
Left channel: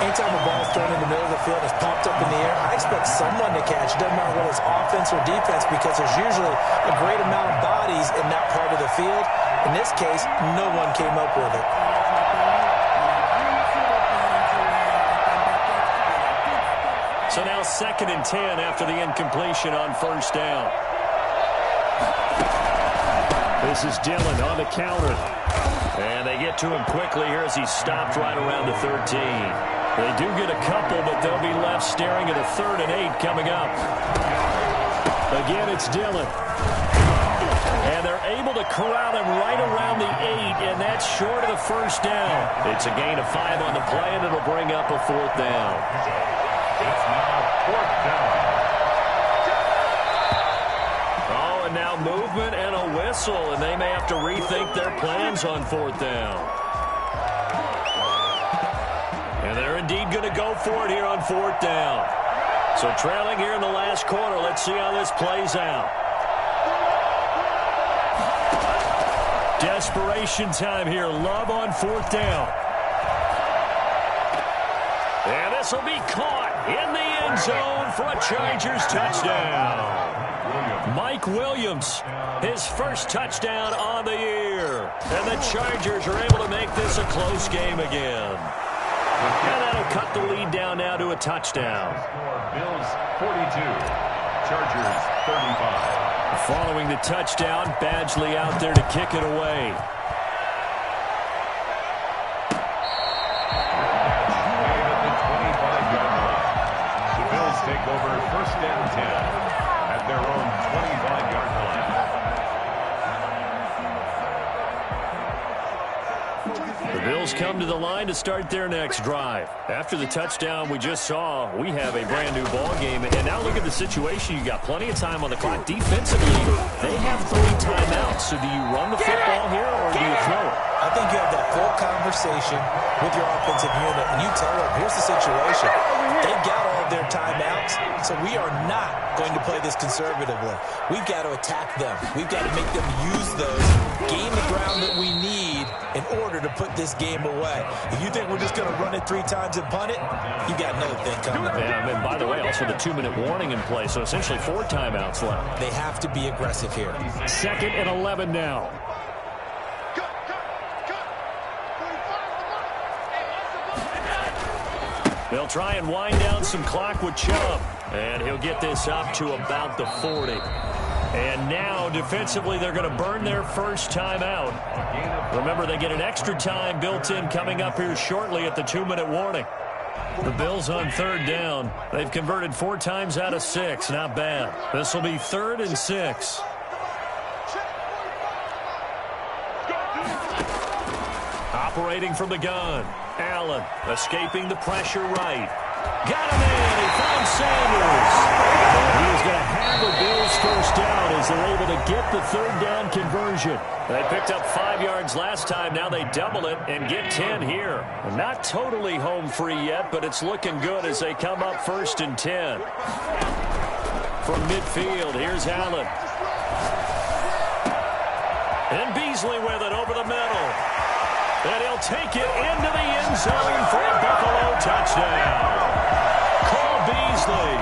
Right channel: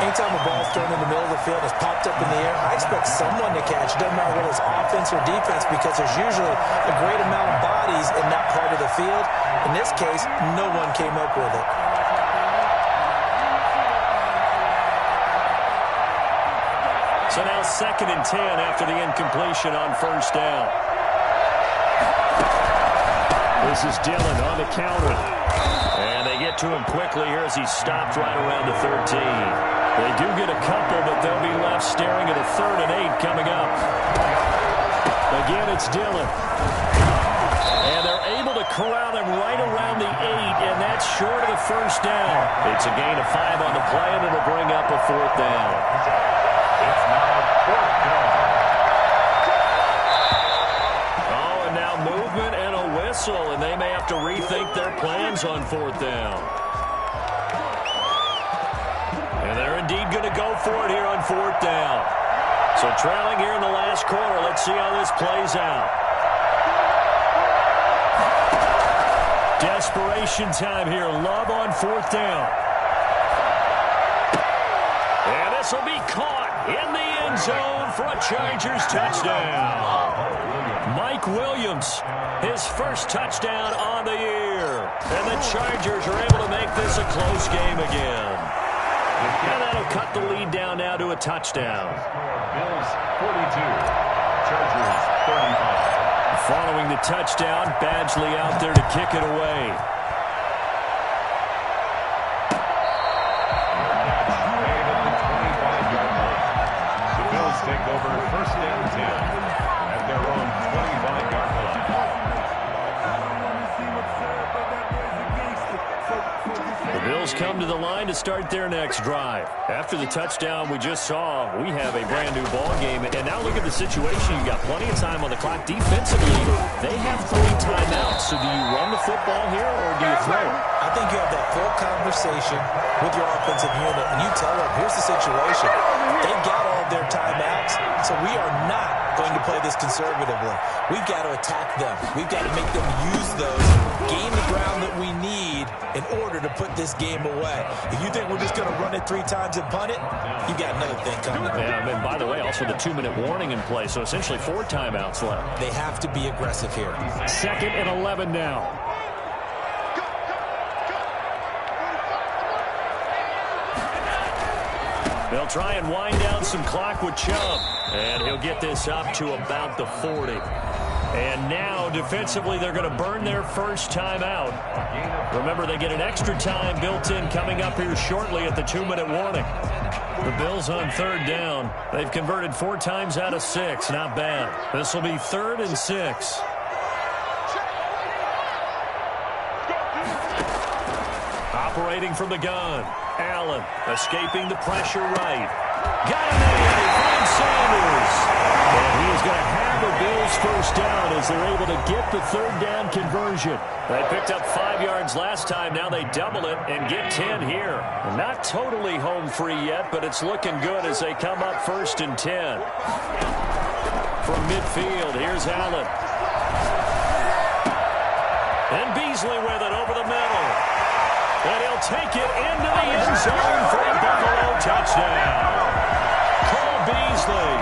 Anytime a ball's thrown in the middle of the field and it's popped up in the air, I expect someone to catch. It doesn't matter whether it's offense or defense, because there's usually a great amount of bodies in that part of the field. In this case, no one came up with it. So now 2nd and 10 after the incompletion on first down. This is Dillon on the counter. And they get to him quickly here as he stopped right around the 13. They do get a couple, but they'll be left staring at a 3rd and 8 coming up. Again, it's Dillon. And they're able to corral him right around the 8, and that's short of the first down. It's a gain of 5 on the play, and it'll bring up a 4th down. It's now 4th down. Oh, and now movement and a whistle, and they may have to rethink their plans on 4th down. And they're indeed going to go for it here on 4th down. So trailing here in the last quarter, let's see how this plays out. Desperation time here. Love on 4th down. And this will be caught in the end zone for a Chargers touchdown. Mike Williams, his first touchdown on the year. And the Chargers are able to make this a close game again. And that'll cut the lead down now to a touchdown. Bills 42, Chargers 35. Following the touchdown, Badgley out there to kick it away. Made at the 25-yard line. The Bills take over first and 10 at their own 25-yard line. The Bills come to the line to start their next drive. After the touchdown we just saw, we have a brand new ball game. And now look at the situation. You got plenty of time on the clock. Defensively, they have 3 timeouts. So do you run the football here or do you throw it? I think you have that full conversation with your offensive unit, and you tell them, here's the situation. They've got all of their timeouts, so we are not going to play this conservatively. We've got to attack them. We've got to make them use those, gain the ground that we need in order to put this game away. If you think we're just going to run it 3 times and punt it, you got another thing coming. Yeah, and by the way, also the 2-minute warning in play, so essentially 4 timeouts left. They have to be aggressive here. 2nd and 11 now. They'll try and wind down some clock with Chubb. And he'll get this up to about the 40. And now, defensively, they're going to burn their first time out. Remember, they get an extra time built in coming up here shortly at the 2-minute warning. The Bills on 3rd down. They've converted 4 times out of 6. Not bad. This will be 3rd and 6. Operating from the gun. Allen escaping the pressure right. Got him in. He finds Sanders. And he is going to have a Bills first down as they're able to get the 3rd down conversion. They picked up 5 yards last time. Now they double it and get 10 here. Not totally home free yet, but it's looking good as they come up 1st and 10. From midfield, here's Allen. And Beasley with it over the middle. And he'll take it into the end zone for a Buffalo touchdown. Cole Beasley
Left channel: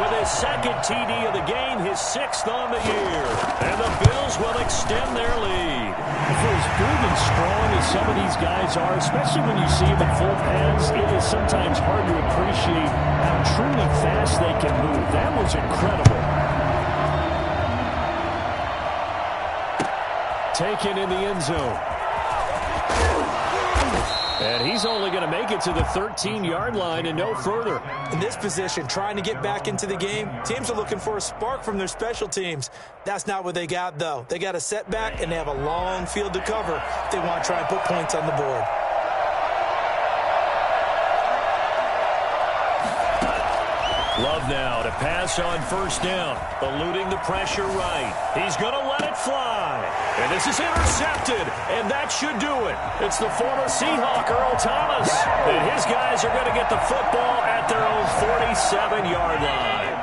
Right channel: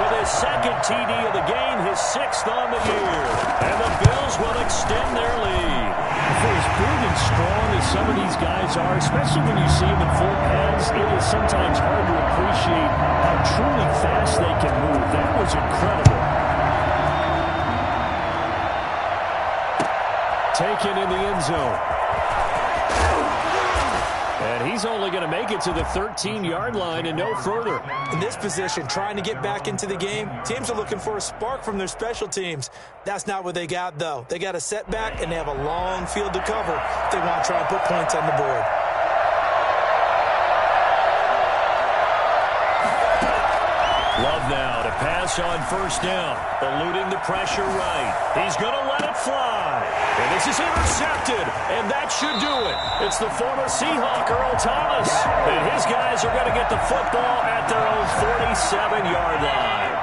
with his 2nd TD of the game, his 6th on the year. And the Bills will extend their lead. For as big and strong as some of these guys are, especially when you see them in full pads, it is sometimes hard to appreciate how truly fast they can move. That was incredible. Taken in the end zone. And he's only going to make it to the 13-yard line and no further. In this position, trying to get back into the game, teams are looking for a spark from their special teams. That's not what they got, though. They got a setback, and they have a long field to cover if they want to try and put points on the board. Love now to pass on 1st down, eluding the pressure right. He's going to let it fly. And this is intercepted, and that should do it. It's the former Seahawk, Earl Thomas. And his guys are going to get the football at their own 47-yard line.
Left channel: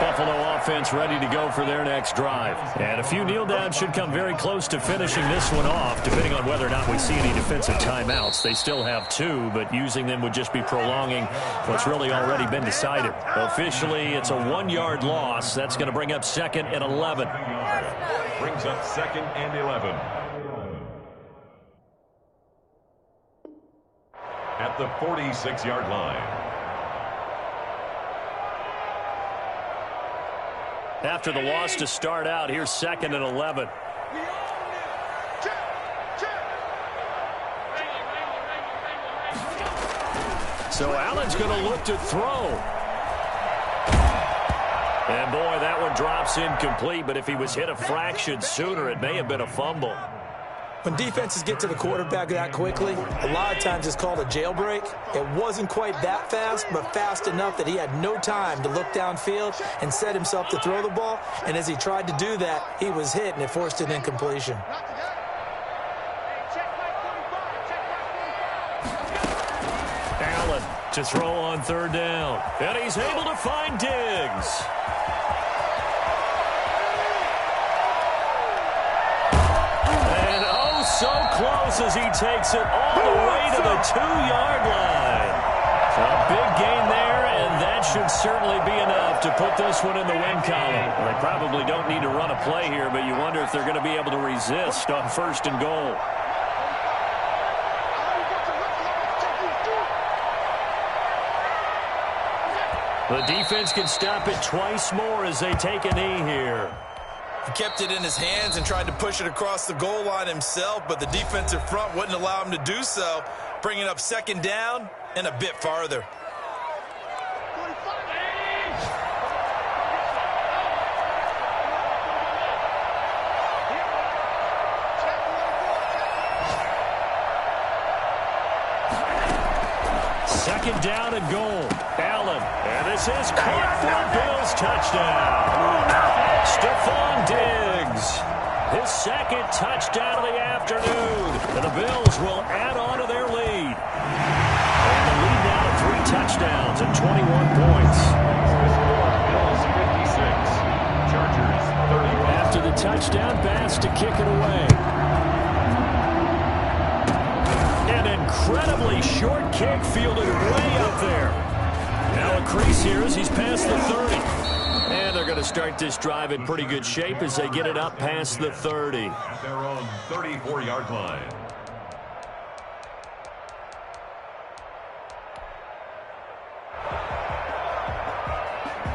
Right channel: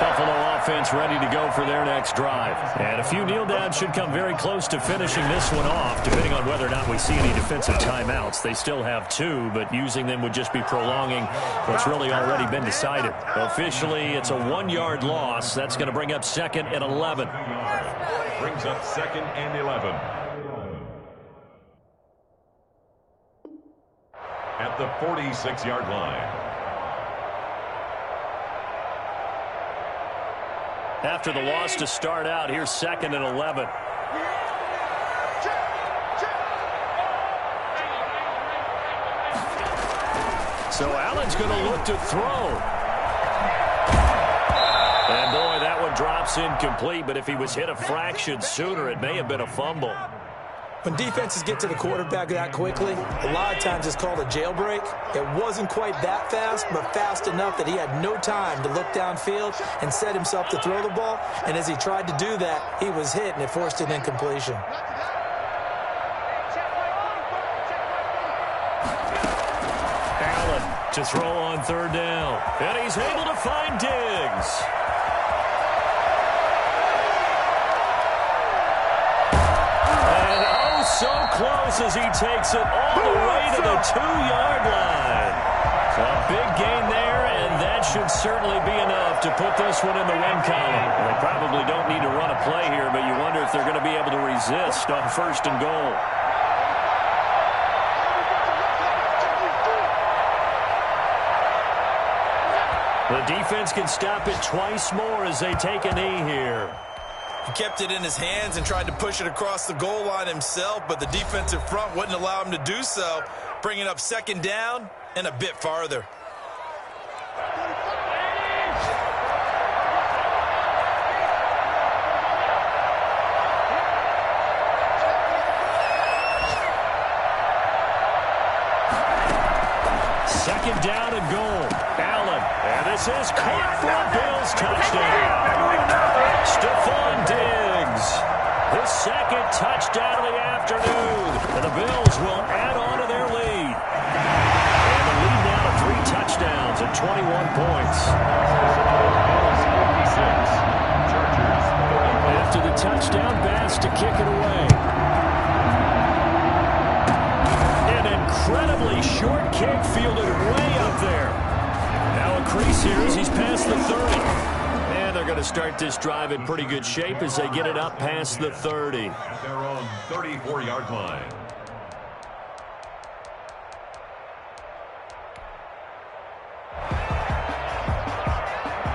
Buffalo offense ready to go for their next drive. And a few kneel downs should come very close to finishing this one off, depending on whether or not we see any defensive timeouts. They still have 2, but using them would just be prolonging what's really already been decided. Officially, it's a 1-yard loss. That's going to bring up 2nd and 11. Brings up 2nd and 11. At the 46-yard line. After the loss to start out, here's 2nd and 11. So Allen's going to look to throw. And boy, that one drops incomplete, but if he was hit a fraction sooner, it may have been a fumble. When defenses get to the quarterback that quickly, a lot of times it's called a jailbreak. It wasn't quite that fast, but fast enough that he had no time to look downfield and set himself to throw the ball. And as he tried to do that, he was hit, and it forced an incompletion. Allen to throw on 3rd down. And he's able to find Diggs. So close as he takes it all the way to the 2-yard line. A big gain there, and that should certainly be enough to put this one in the win column. Well, they probably don't need to run a play here, but you wonder if they're going to be able to resist on 1st and goal. The defense can stop it twice more as they take a knee here. He kept it in his hands and tried to push it across the goal line himself, but the defensive front wouldn't allow him to do so, bringing up 2nd down and a bit farther. Second down and goal. Allen. And this is caught for a Bills touchdown. Stephon Diggs. His second touchdown of the afternoon. And the Bills will add on to their lead. And the lead now to 3 touchdowns and 21 points. Bills 56. Chargers 35. After the touchdown, Bass to kick it away. An incredibly short kick fielded way up there. Now a crease here as he's past the 30. And they're going to start this drive in pretty good shape as they get it up past the 30. At their own 34-yard line.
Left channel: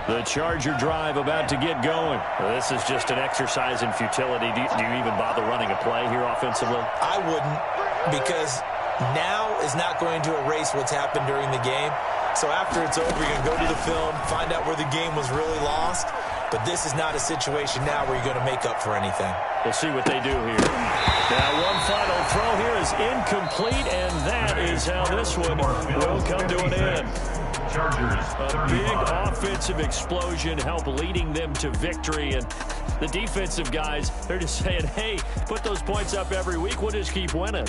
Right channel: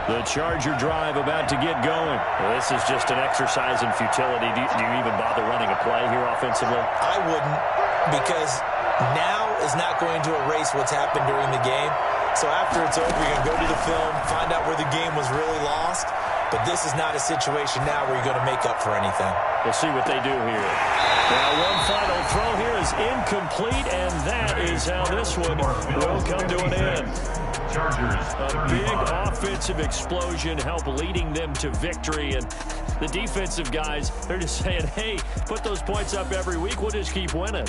The Charger drive about to get going. This is just an exercise in futility. Do you even bother running a play here offensively? I wouldn't, because now is not going to erase what's happened during the game. So after it's over, you're going to go to the film, find out where the game was really lost. But this is not a situation now where you're going to make up for anything. We'll see what they do here. Now one final throw here is incomplete, and that is how this one will come to an end. Chargers A big offensive explosion help leading them to victory, and the defensive guys, they're just saying, hey, put those points up every week, we'll just keep winning.